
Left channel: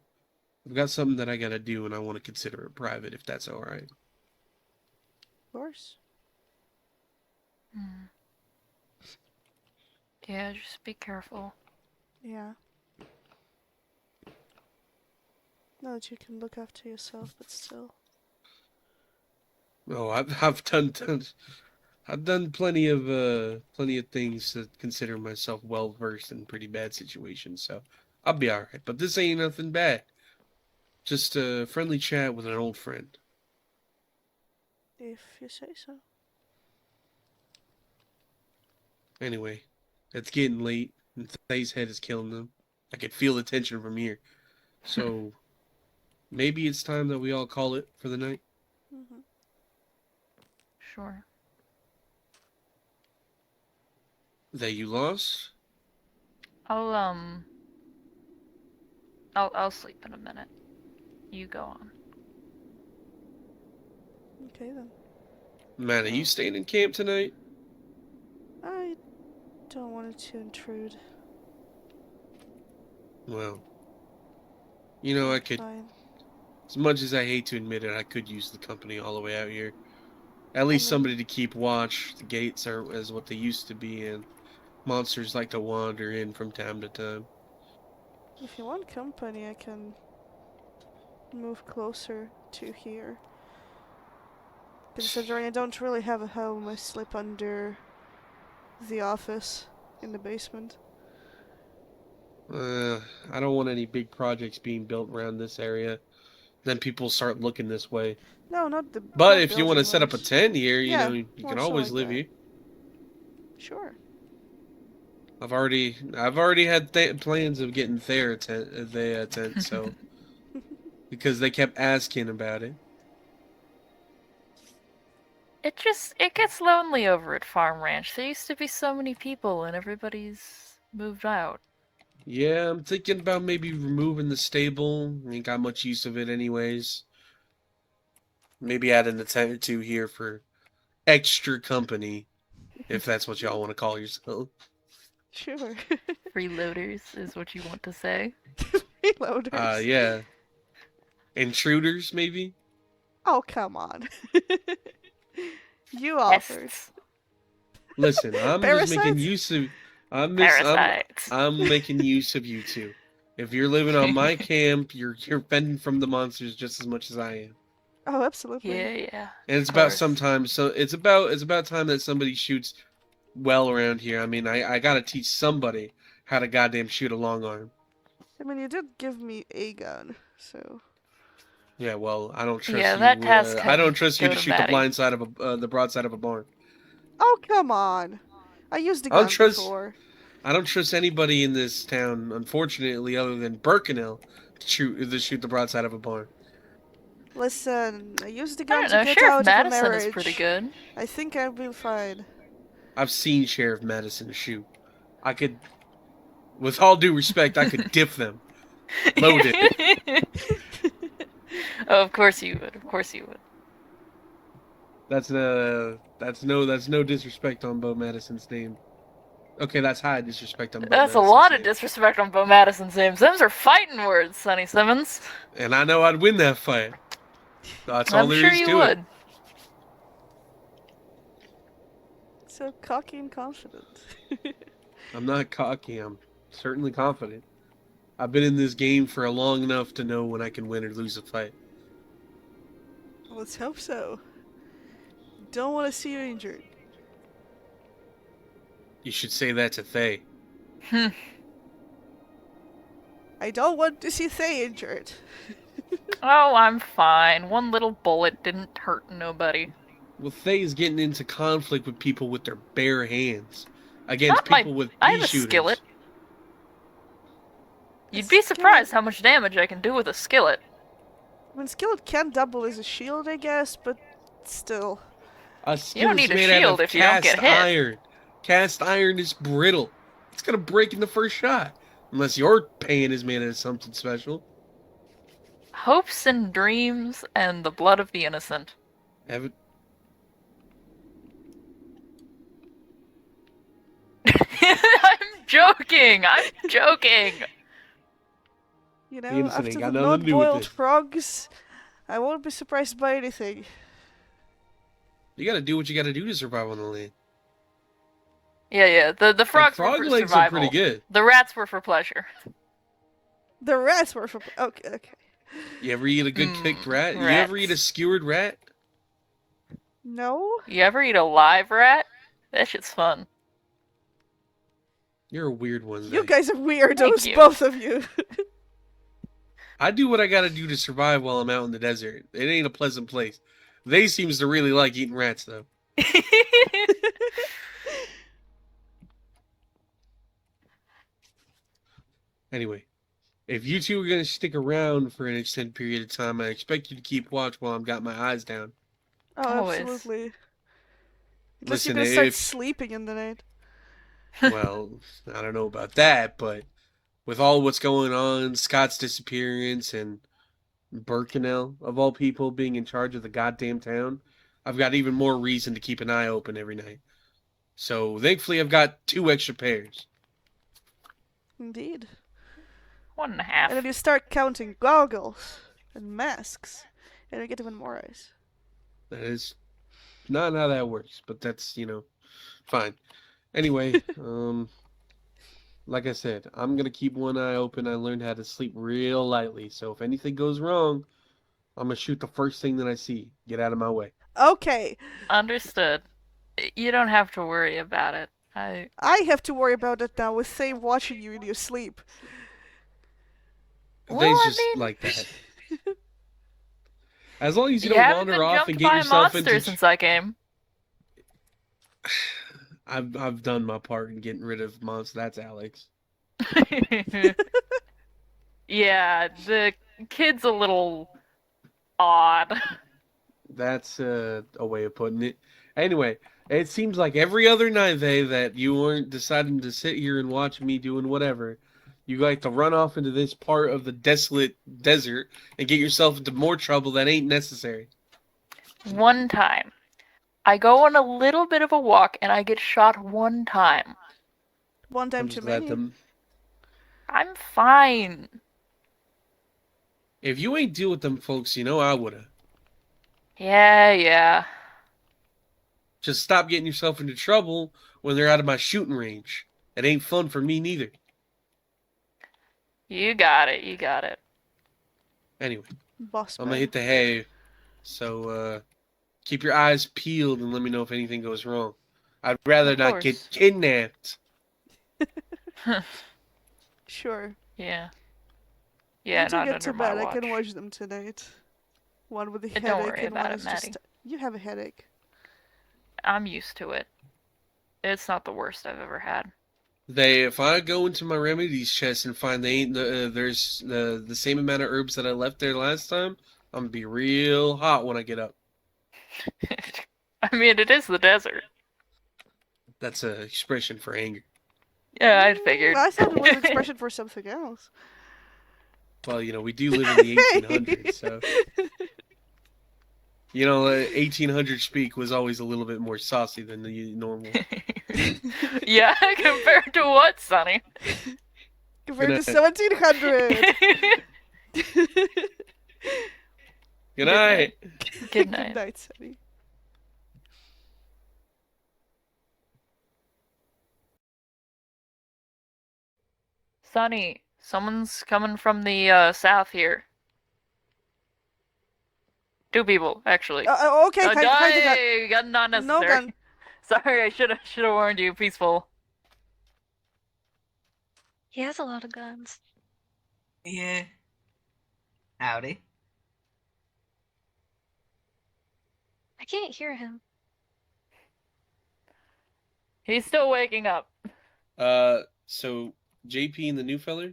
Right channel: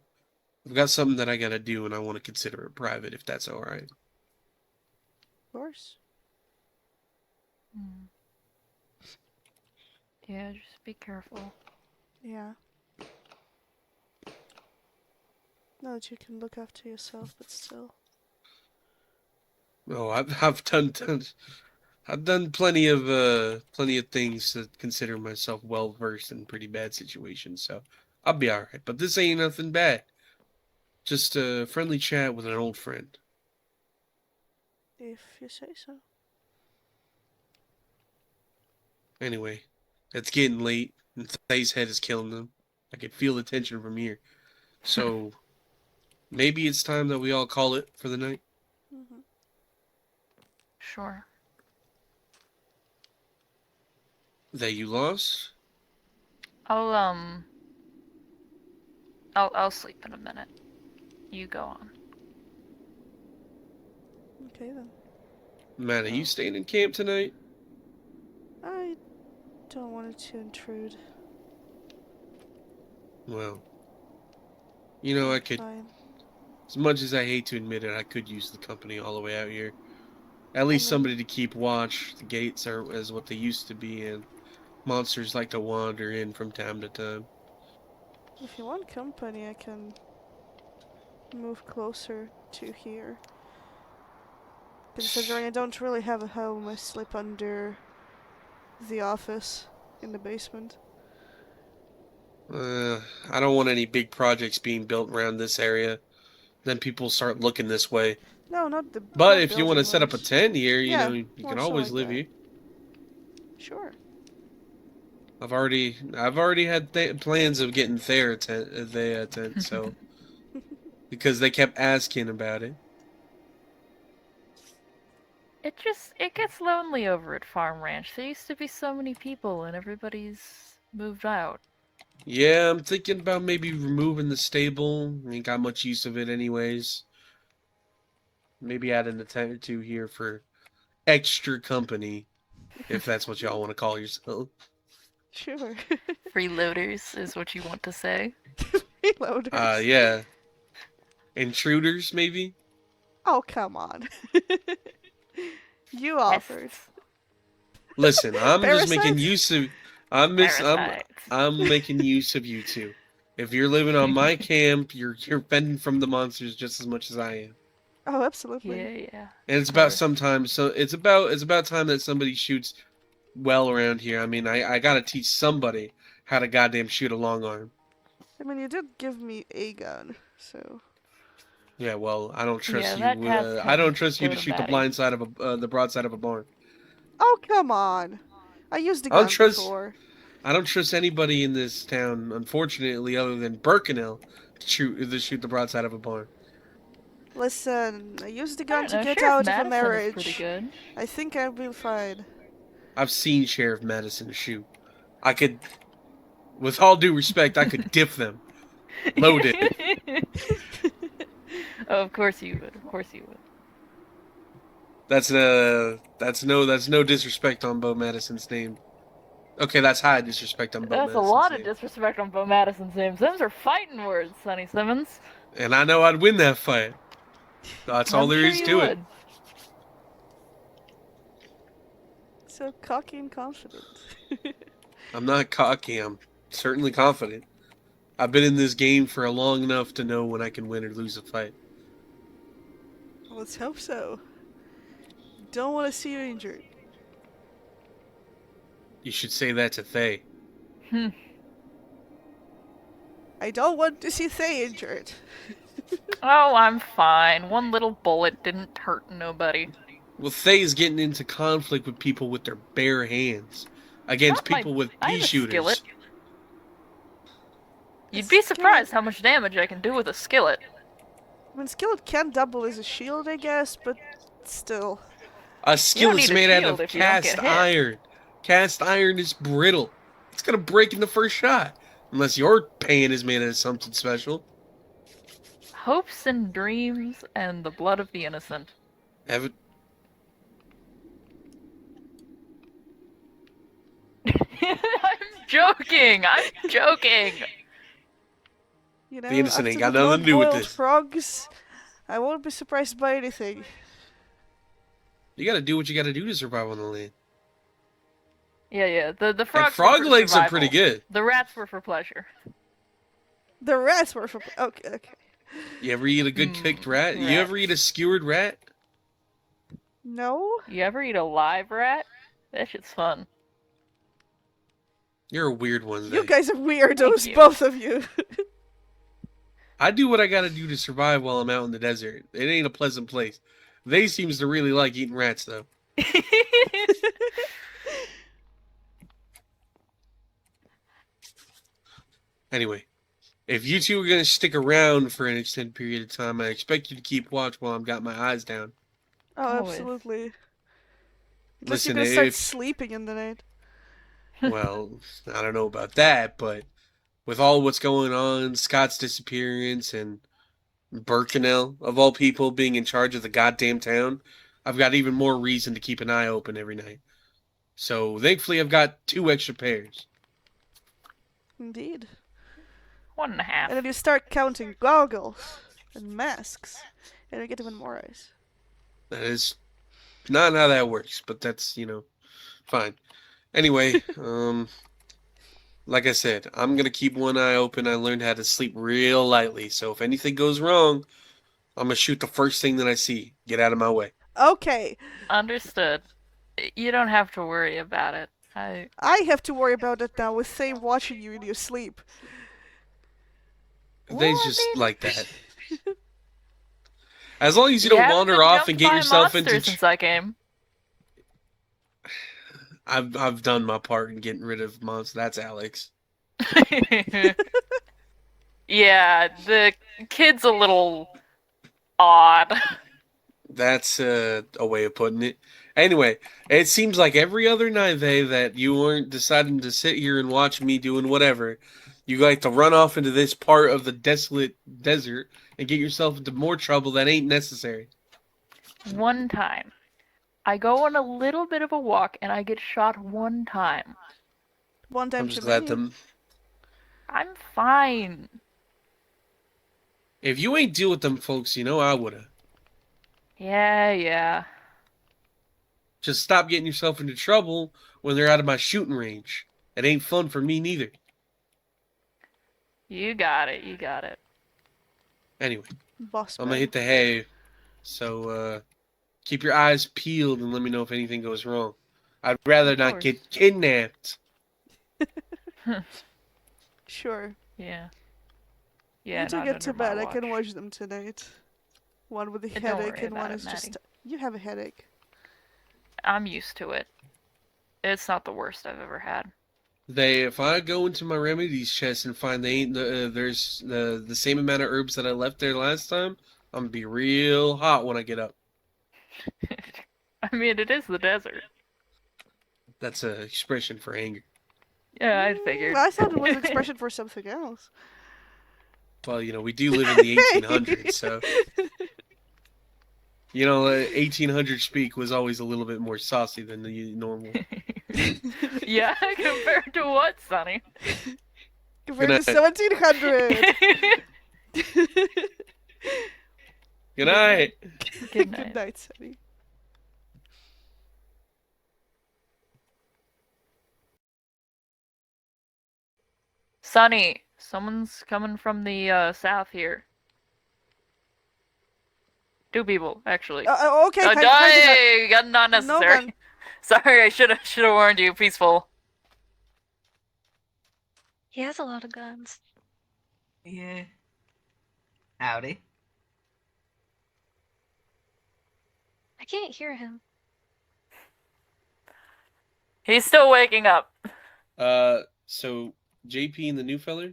I've got something that I gotta do, and I want to consider it private, if that's alright. Of course. Yeah, just be careful. Yeah. Know that you can look after yourself, but still. Oh, I've done plenty of things to consider myself well versed in pretty bad situations, so I'll be alright. But this ain't nothing bad. Just a friendly chat with an old friend. If you say so. Anyway, it's getting late, and Thay's head is killing them. I can feel the tension from here. So, maybe it's time that we all call it for the night? Sure. That you lost? I'll sleep in a minute. You go on. Okay then. Matt, are you staying in camp tonight? I don't want it to intrude. Well, you know, I could, Fine. as much as I hate to admit it, I could use the company all the way out here. At least somebody to keep watch. The gates aren't as what they used to be, and monsters like to wander in from time to time. If you want company, I can move closer to here. Considering I don't really have a home, I sleep under the office in the basement. I don't want any big projects being built around this area. Then people start looking this way. No, not the. But not if you want to set up a building-wise. tent here, you Yeah, know, you more can so always like live that. here. Sure. I've already had plans of getting their tent, so because they kept asking about it. It gets lonely over at Farm Ranch. There used to be so many people and everybody's moved out. Yeah, I'm thinking about maybe removing the stable. Ain't got much use of it anyways. Maybe adding a tent or two here for extra company, if that's what y'all want to call yourself. Sure. Freeloaders is what you want to say. Freeloaders. Yeah. Intruders, maybe? Oh, come on. You offered. Listen, I'm just making Parasites? use of. Parasites. I'm making use of you two. If you're living on my camp, you're fending from the monsters just as much as I am. Oh, absolutely. Yeah. And it's about sometimes. So it's about time that somebody shoots well around here. I mean, I gotta teach somebody how to goddamn shoot a long arm. I mean, you did give me a gun, so. Yeah, well, I don't trust Yeah, you. that task I don't can trust you go to to shoot the Mattie. blind side of the broadside of a barn. Oh, come on. I used the I don't gun trust. before. I don't trust anybody in this town, unfortunately, other than Bercanel to shoot the broadside of a barn. Listen, I used the I gun don't to know, get Sheriff out of a Madison marriage. is pretty good. I think I'll be fine. I've seen Sheriff Madison shoot. I could, with all due respect, I could diff them. Loaded. Oh, of course you would. Of course you would. That's no disrespect on Bo Madison's name. Okay, that's high disrespect on Bo That's Madison's a lot name. of disrespect on Bo Madison's name. Them's are fighting words, Sonny Simmons. And I know I'd win that fight. That's all I'm there sure is you to would. it. So cocky and confident. I'm not cocky. I'm certainly confident. I've been in this game for long enough to know when I can win or lose a fight. Let's hope so. Don't want to see you injured. You should say that to Thay. I don't want to see Thay injured. Oh, I'm fine. One little bullet didn't hurt nobody. Well, Thay's getting into conflict with people with their bare hands against people with I pea have a shooters. skillet. You'd be surprised how much damage I can do with a skillet. I mean, skillet can double as a shield, I guess, but still. A don't skillet's need a made out shield of if you don't cast get hit. iron. Cast iron is brittle. It's gonna break in the first shot. Unless your pan is made out of something special. Hopes and dreams and the blood of the innocent. Have I'm joking! I'm joking! You know, The innocent after ain't the got nothing to do with blood-boiled this. frogs, I won't be surprised by anything. You gotta do what you gotta do to survive on the land. Yeah. The frogs frog were for legs survival. are pretty good. The rats were for pleasure. The rats were for... Okay. You ever eat a good cooked rat? You ever eat a skewered rat? No? You ever eat a live rat? That shit's fun. You're a weird one. You Zach. guys are weirdos, you. both of you. I do what I gotta do to survive while I'm out in the desert. It ain't a pleasant place. They seems to really like eating rats, though. Anyway, if you two are gonna stick around for an extended period of time, I expect you to keep watch while I've got my eyes down. Oh, Always. absolutely. Unless Listen, you're gonna start if- sleeping in the night. Well, I don't know about that, but with all what's going on, Scott's disappearance and Bercanel, of all people, being in charge of the goddamn town, I've got even more reason to keep an eye open every night. So, thankfully, I've got 2 extra pairs. Indeed. 1.5. And then you start counting goggles and masks, and you get even more eyes. That is not how that works, but that's, fine. Anyway, like I said, I'm going to keep one eye open. I learned how to sleep real lightly, so if anything goes wrong, I'm going to shoot the first thing that I see. Get out of my way. Okay. Understood. You don't have to worry about it. I have to worry about it now with Thay watching you in your sleep. They's just like that. As long as you don't haven't wander been off jumped and get by a yourself monster into... since that game. I've done my part in getting rid of monsters. That's Alex. Yeah, the kid's a little odd. That's a way of putting it. Anyway, it seems like every other night, that you weren't deciding to sit here and watch me doing whatever. You like to run off into this part of the desolate desert and get yourself into more trouble that ain't necessary. One time. I go on a little bit of a walk and I get shot one time. One time I'm too just glad many. them. I'm fine. If you ain't deal with them folks, I woulda. Yeah. Just stop getting yourself into trouble when they're out of my shooting range. It ain't fun for me neither. You got it. You got it. Anyway, Boss I'm gonna man. hit the hay. So keep your eyes peeled and let me know if anything goes wrong. I'd rather Of not get course. kidnapped. Sure. Yeah. You Yeah, need to not get to under my bed. I watch. can watch them tonight. One with a Don't headache worry and one about it, is just. Mattie. You have a headache. I'm used to it. It's not the worst I've ever had. If I go into my remedies chest and find there's the same amount of herbs that I left there last time, I'm gonna be real hot when I get up. I mean, it is the desert. That's an expression for anger. Yeah, I figured. I thought it was an expression for something else. Well, we do live in the 1800s, so 1800 speak was always a little bit more saucy than the normal. Yeah, compared to what, Sonny? Compared to Good night. 1700. Good night. Good night. Good night, Sonny. Sonny, someone's coming from the south here. Two people, actually. Okay, kind of gun. Hey, gun not necessary. No gun. Sorry, I should have warned you. Peaceful. He has a lot of guns. Yeah. Howdy. I can't hear him. He's still waking up. So JP and the new feller?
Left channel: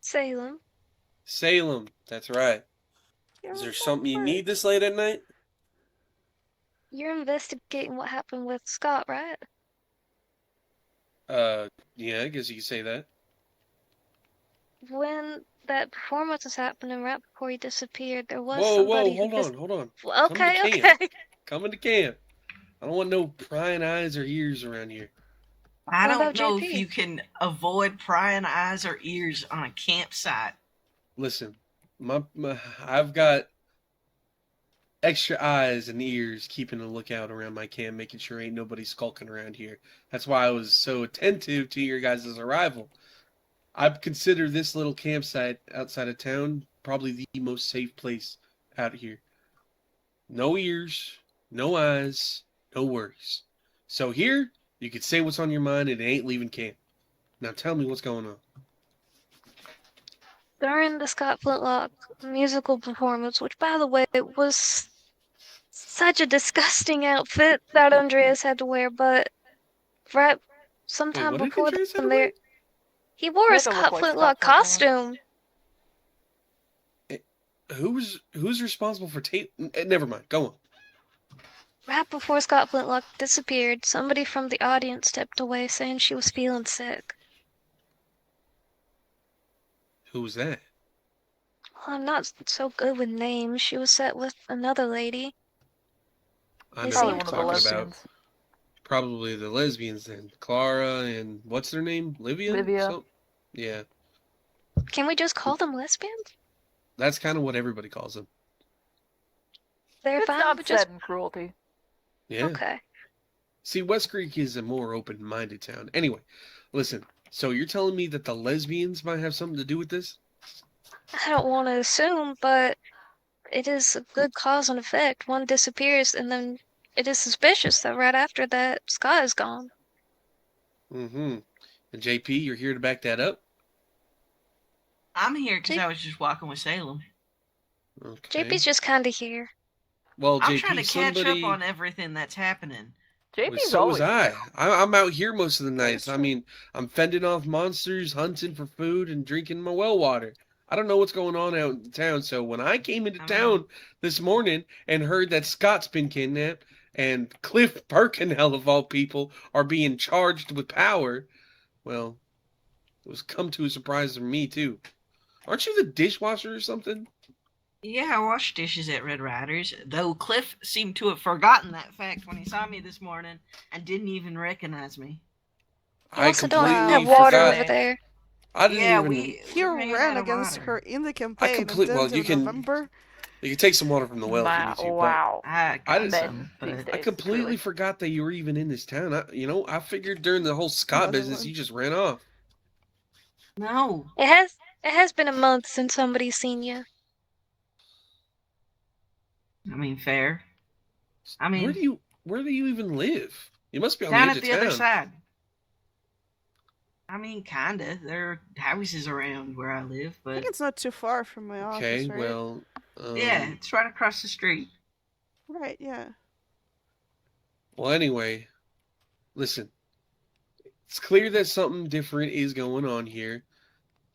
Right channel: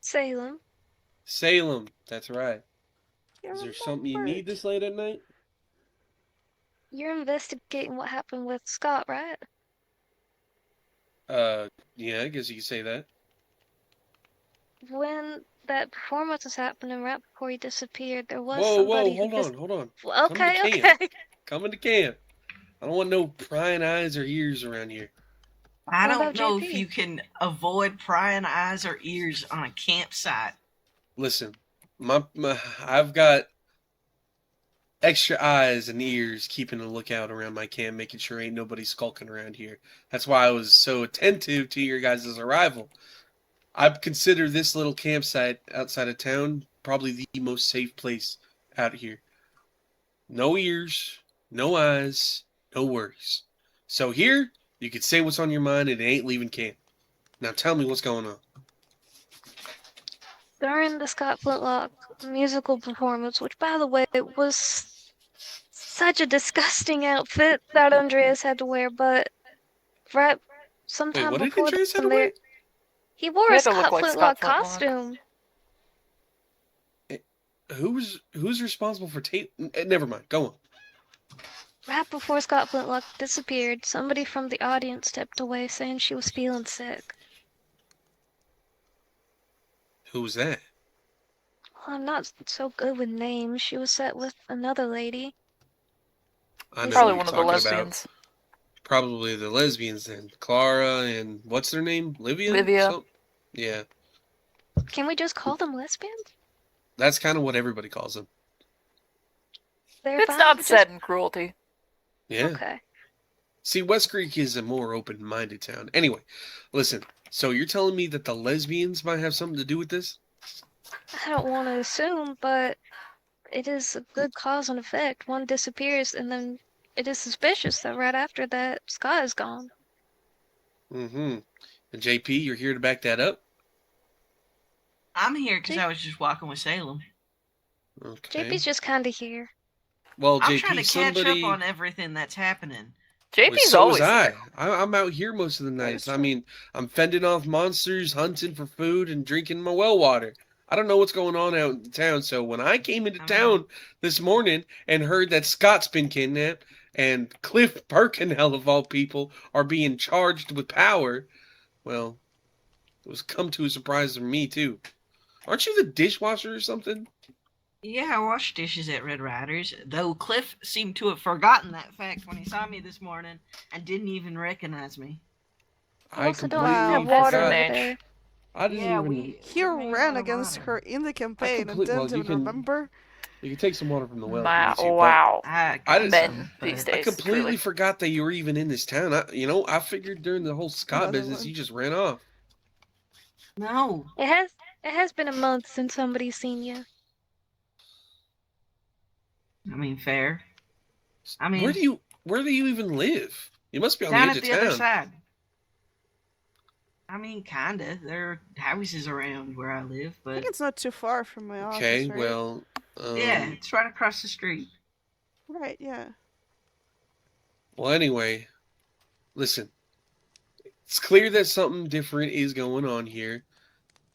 Salem. Salem, that's right. Is there something you need this late at night? You're investigating what happened with Scott, right? Yeah, I guess you could say that. When that performance was happening right before he disappeared, there was Whoa, somebody hold who on. Okay, Come to camp. okay. Come into camp. I don't want no prying eyes or ears around here. I What don't about know JP? if you can avoid prying eyes or ears on a campsite. Listen, I've got extra eyes and ears keeping a lookout around my camp, making sure ain't nobody skulking around here. That's why I was so attentive to your guys' arrival. I consider this little campsite outside of town probably the most safe place out here. No ears, no eyes, no worries. So here, you can say what's on your mind and it ain't leaving camp. Now tell me what's going on. During the Scott Flintlock musical performance, which, by the way, was such a disgusting outfit that Andreas had to wear, but right sometime what did before Andreas have then, to wear? he wore He a had to look Scott like Flintlock Scott Flintlock. costume. Who's responsible for never mind. Go on. Right before Scott Flintlock disappeared, somebody from the audience stepped away saying she was feeling sick. Who was that? Well, I'm not so good with names. She was set with another lady. I know Probably what one of you're the talking about. lesbians. Probably the lesbians then. Clara and what's their name? Livia? Livia. Yeah. Can we just call them lesbians? That's kind of what everybody calls them. They're It's fine not with said just... in cruelty. Yeah. Okay. See, West Creek is a more open-minded town. Anyway, listen. So you're telling me that the lesbians might have something to do with this? I don't want to assume, but it is a good cause and effect. One disappears, and then it is suspicious that right after that, Scott is gone. Mm-hmm. And JP, you're here to back that up? I'm here because I was just walking with Salem. Okay. JP's just kind of here. Well, I'm JP, trying to catch somebody... up on everything that's happening. JP's So always was I. here. I'm out here most of the nights. I mean, I'm fending off monsters, hunting for food, and drinking my well water. I don't know what's going on out in town, so when I came into town this morning and heard that Scott's been kidnapped and Cliff Bercanel, of all people, are being charged with power, well, it was come to a surprise for me, too. Aren't you the dishwasher or something? Yeah, I washed dishes at Red Riders, though Cliff seemed to have forgotten that fact when he saw me this morning and didn't even recognize me. I I also don't completely have water forgot. over there. I didn't even... He ran against her in the campaign and well, then in November. You can take some water from the well if you need to. Wow. I I got just- some, these but I days, completely truly. forgot that you were even in this town. I figured during the whole Scott Another business one. you just ran off. no. It has been a month since somebody's seen you. I mean, fair. I mean, where do you even live? You must be on down the at edge the of other town. side. I mean, kinda. There are houses around where I live, I think but it's not too far from my Okay, office, right? well, yeah, it's right across the street. Right, yeah. well, anyway, listen. It's clear that something different is going on here,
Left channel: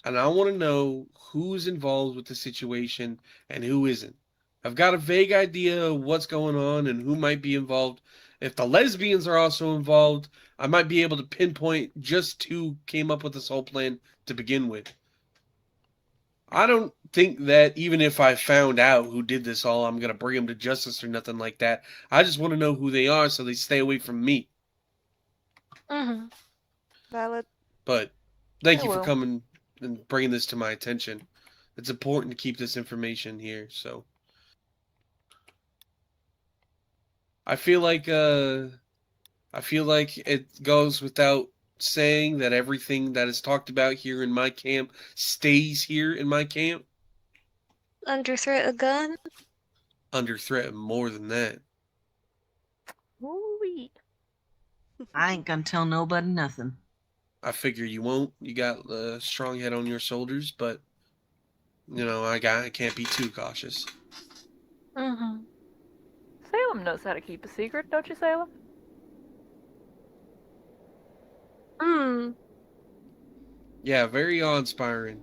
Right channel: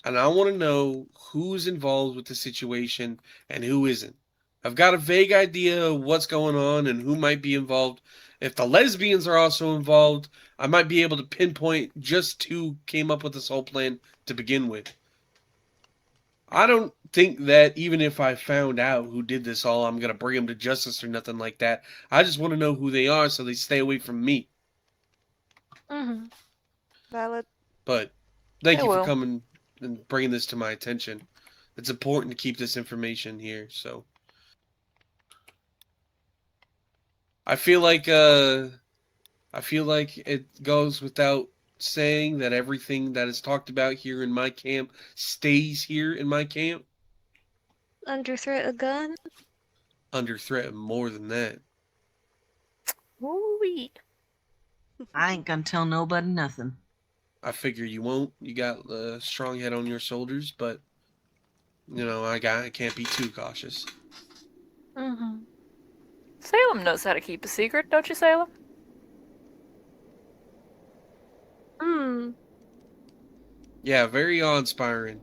and I want to know who's involved with the situation and who isn't. I've got a vague idea of what's going on and who might be involved. If the lesbians are also involved, I might be able to pinpoint just who came up with this whole plan to begin with. I don't think that even if I found out who did this all, I'm going to bring them to justice or nothing like that. I just want to know who they are so they stay away from me. Mm-hmm. Valid. But thank I you for will. coming and bringing this to my attention. It's important to keep this information here, so I feel like it goes without saying that everything that is talked about here in my camp stays here in my camp. Under threat of gun? Under threat of more than that. Ooh-wee. I ain't gonna tell nobody nothing. I figure you won't. You got a strong head on your shoulders, but I can't be too cautious. Mm-hmm. Salem knows how to keep a secret, don't you, Salem? Hmm. Yeah, very awe-inspiring.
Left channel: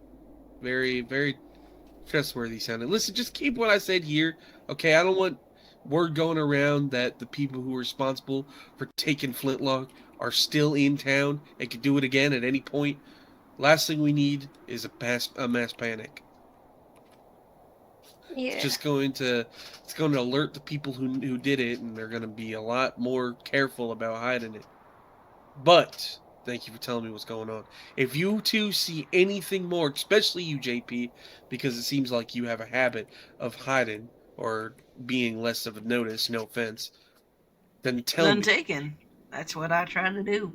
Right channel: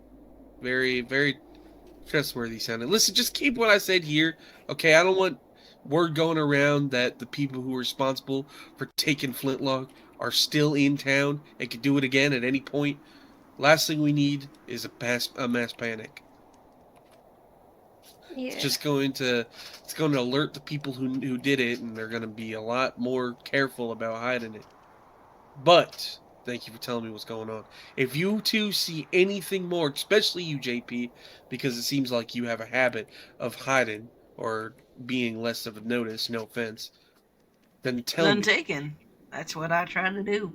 Very, very trustworthy sounding. Listen, just keep what I said here, okay? I don't want word going around that the people who are responsible for taking Flintlock are still in town and could do it again at any point. Last thing we need is a mass panic. Yeah. It's going to alert the people who did it, and they're going to be a lot more careful about hiding it. But thank you for telling me what's going on. If you two see anything more, especially you, JP, because it seems like you have a habit of hiding or being less of a notice, no offense, then tell None me. taken. That's what I try to do.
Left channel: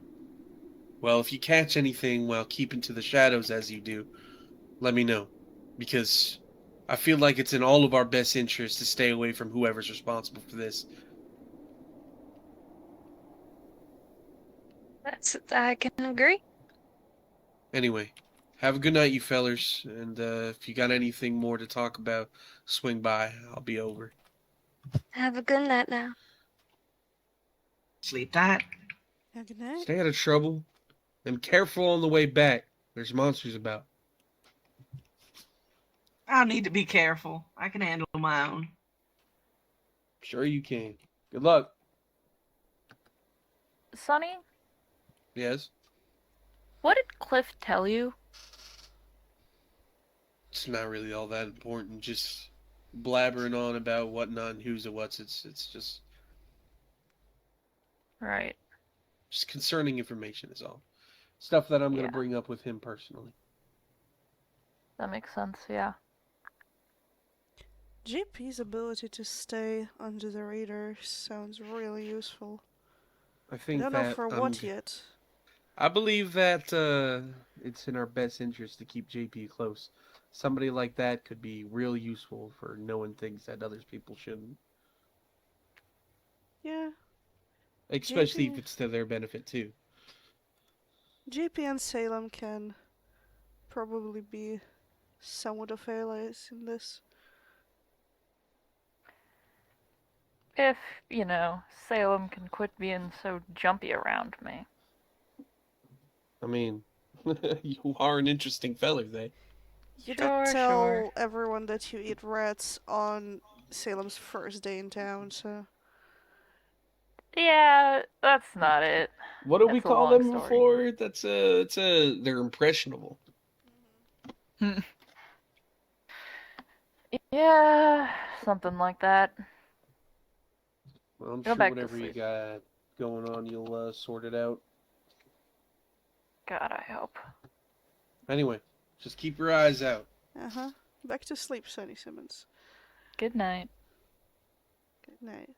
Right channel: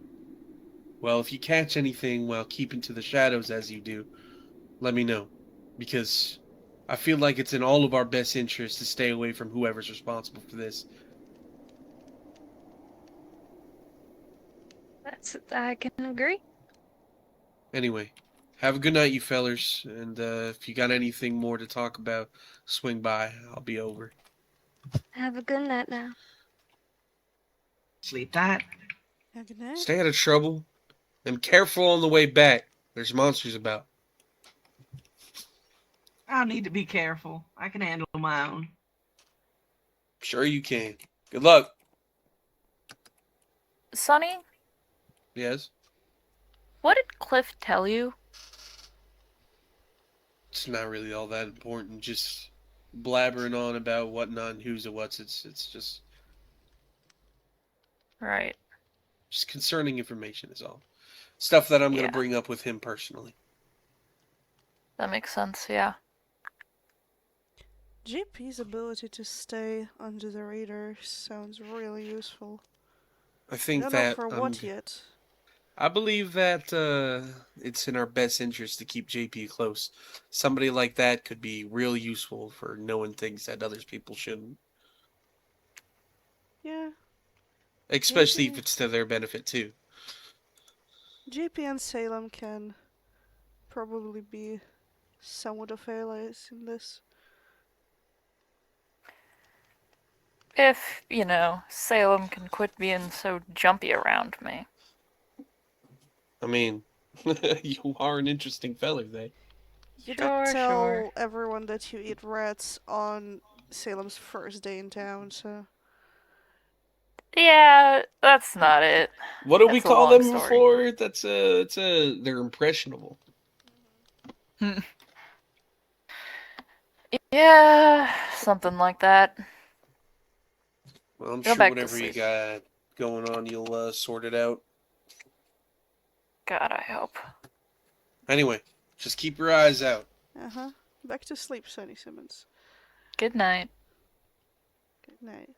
Well, if you catch anything while keeping to the shadows as you do, let me know. Because I feel like it's in all of our best interest to stay away from whoever's responsible for this. I can agree. Anyway, have a good night, you fellers. And if you got anything more to talk about, swing by. I'll be over. Have a good night now. Sleep tight. Yeah, good night. Stay out of trouble. And careful on the way back. There's monsters about. I'll need to be careful. I can handle my own. Sure you can. Good luck. Sonny, Yes? what did Cliff tell you? It's not really all that important. Just blabbering on about whatnot and who's and what's. It's just Right. concerning information is all. Stuff that I'm going Yeah. to bring up with him personally. That makes sense, yeah. JP's ability to stay under the radar sounds really useful. I think I don't know for what yet. I believe that it's in our best interest to keep JP close. Somebody like that could be real useful for knowing things that other people shouldn't. Yeah. Especially JP if it's to their benefit too. JP and Salem can probably be somewhat of allies in this. If, Salem can quit being so jumpy around me. I mean, you are an interesting feller, they. You did tell everyone that you eat rats on Salem's first day in town, so... Yeah, that's not it. What do we That's a call long them story. before? They're impressionable. Yeah, something like that. Well, I'm Go sure back to whatever you sleep. got going on, you'll sort it out. God, I hope. Anyway, just keep your eyes out. Uh-huh. Back to sleep, Sonny Simmons. Good night. Good night.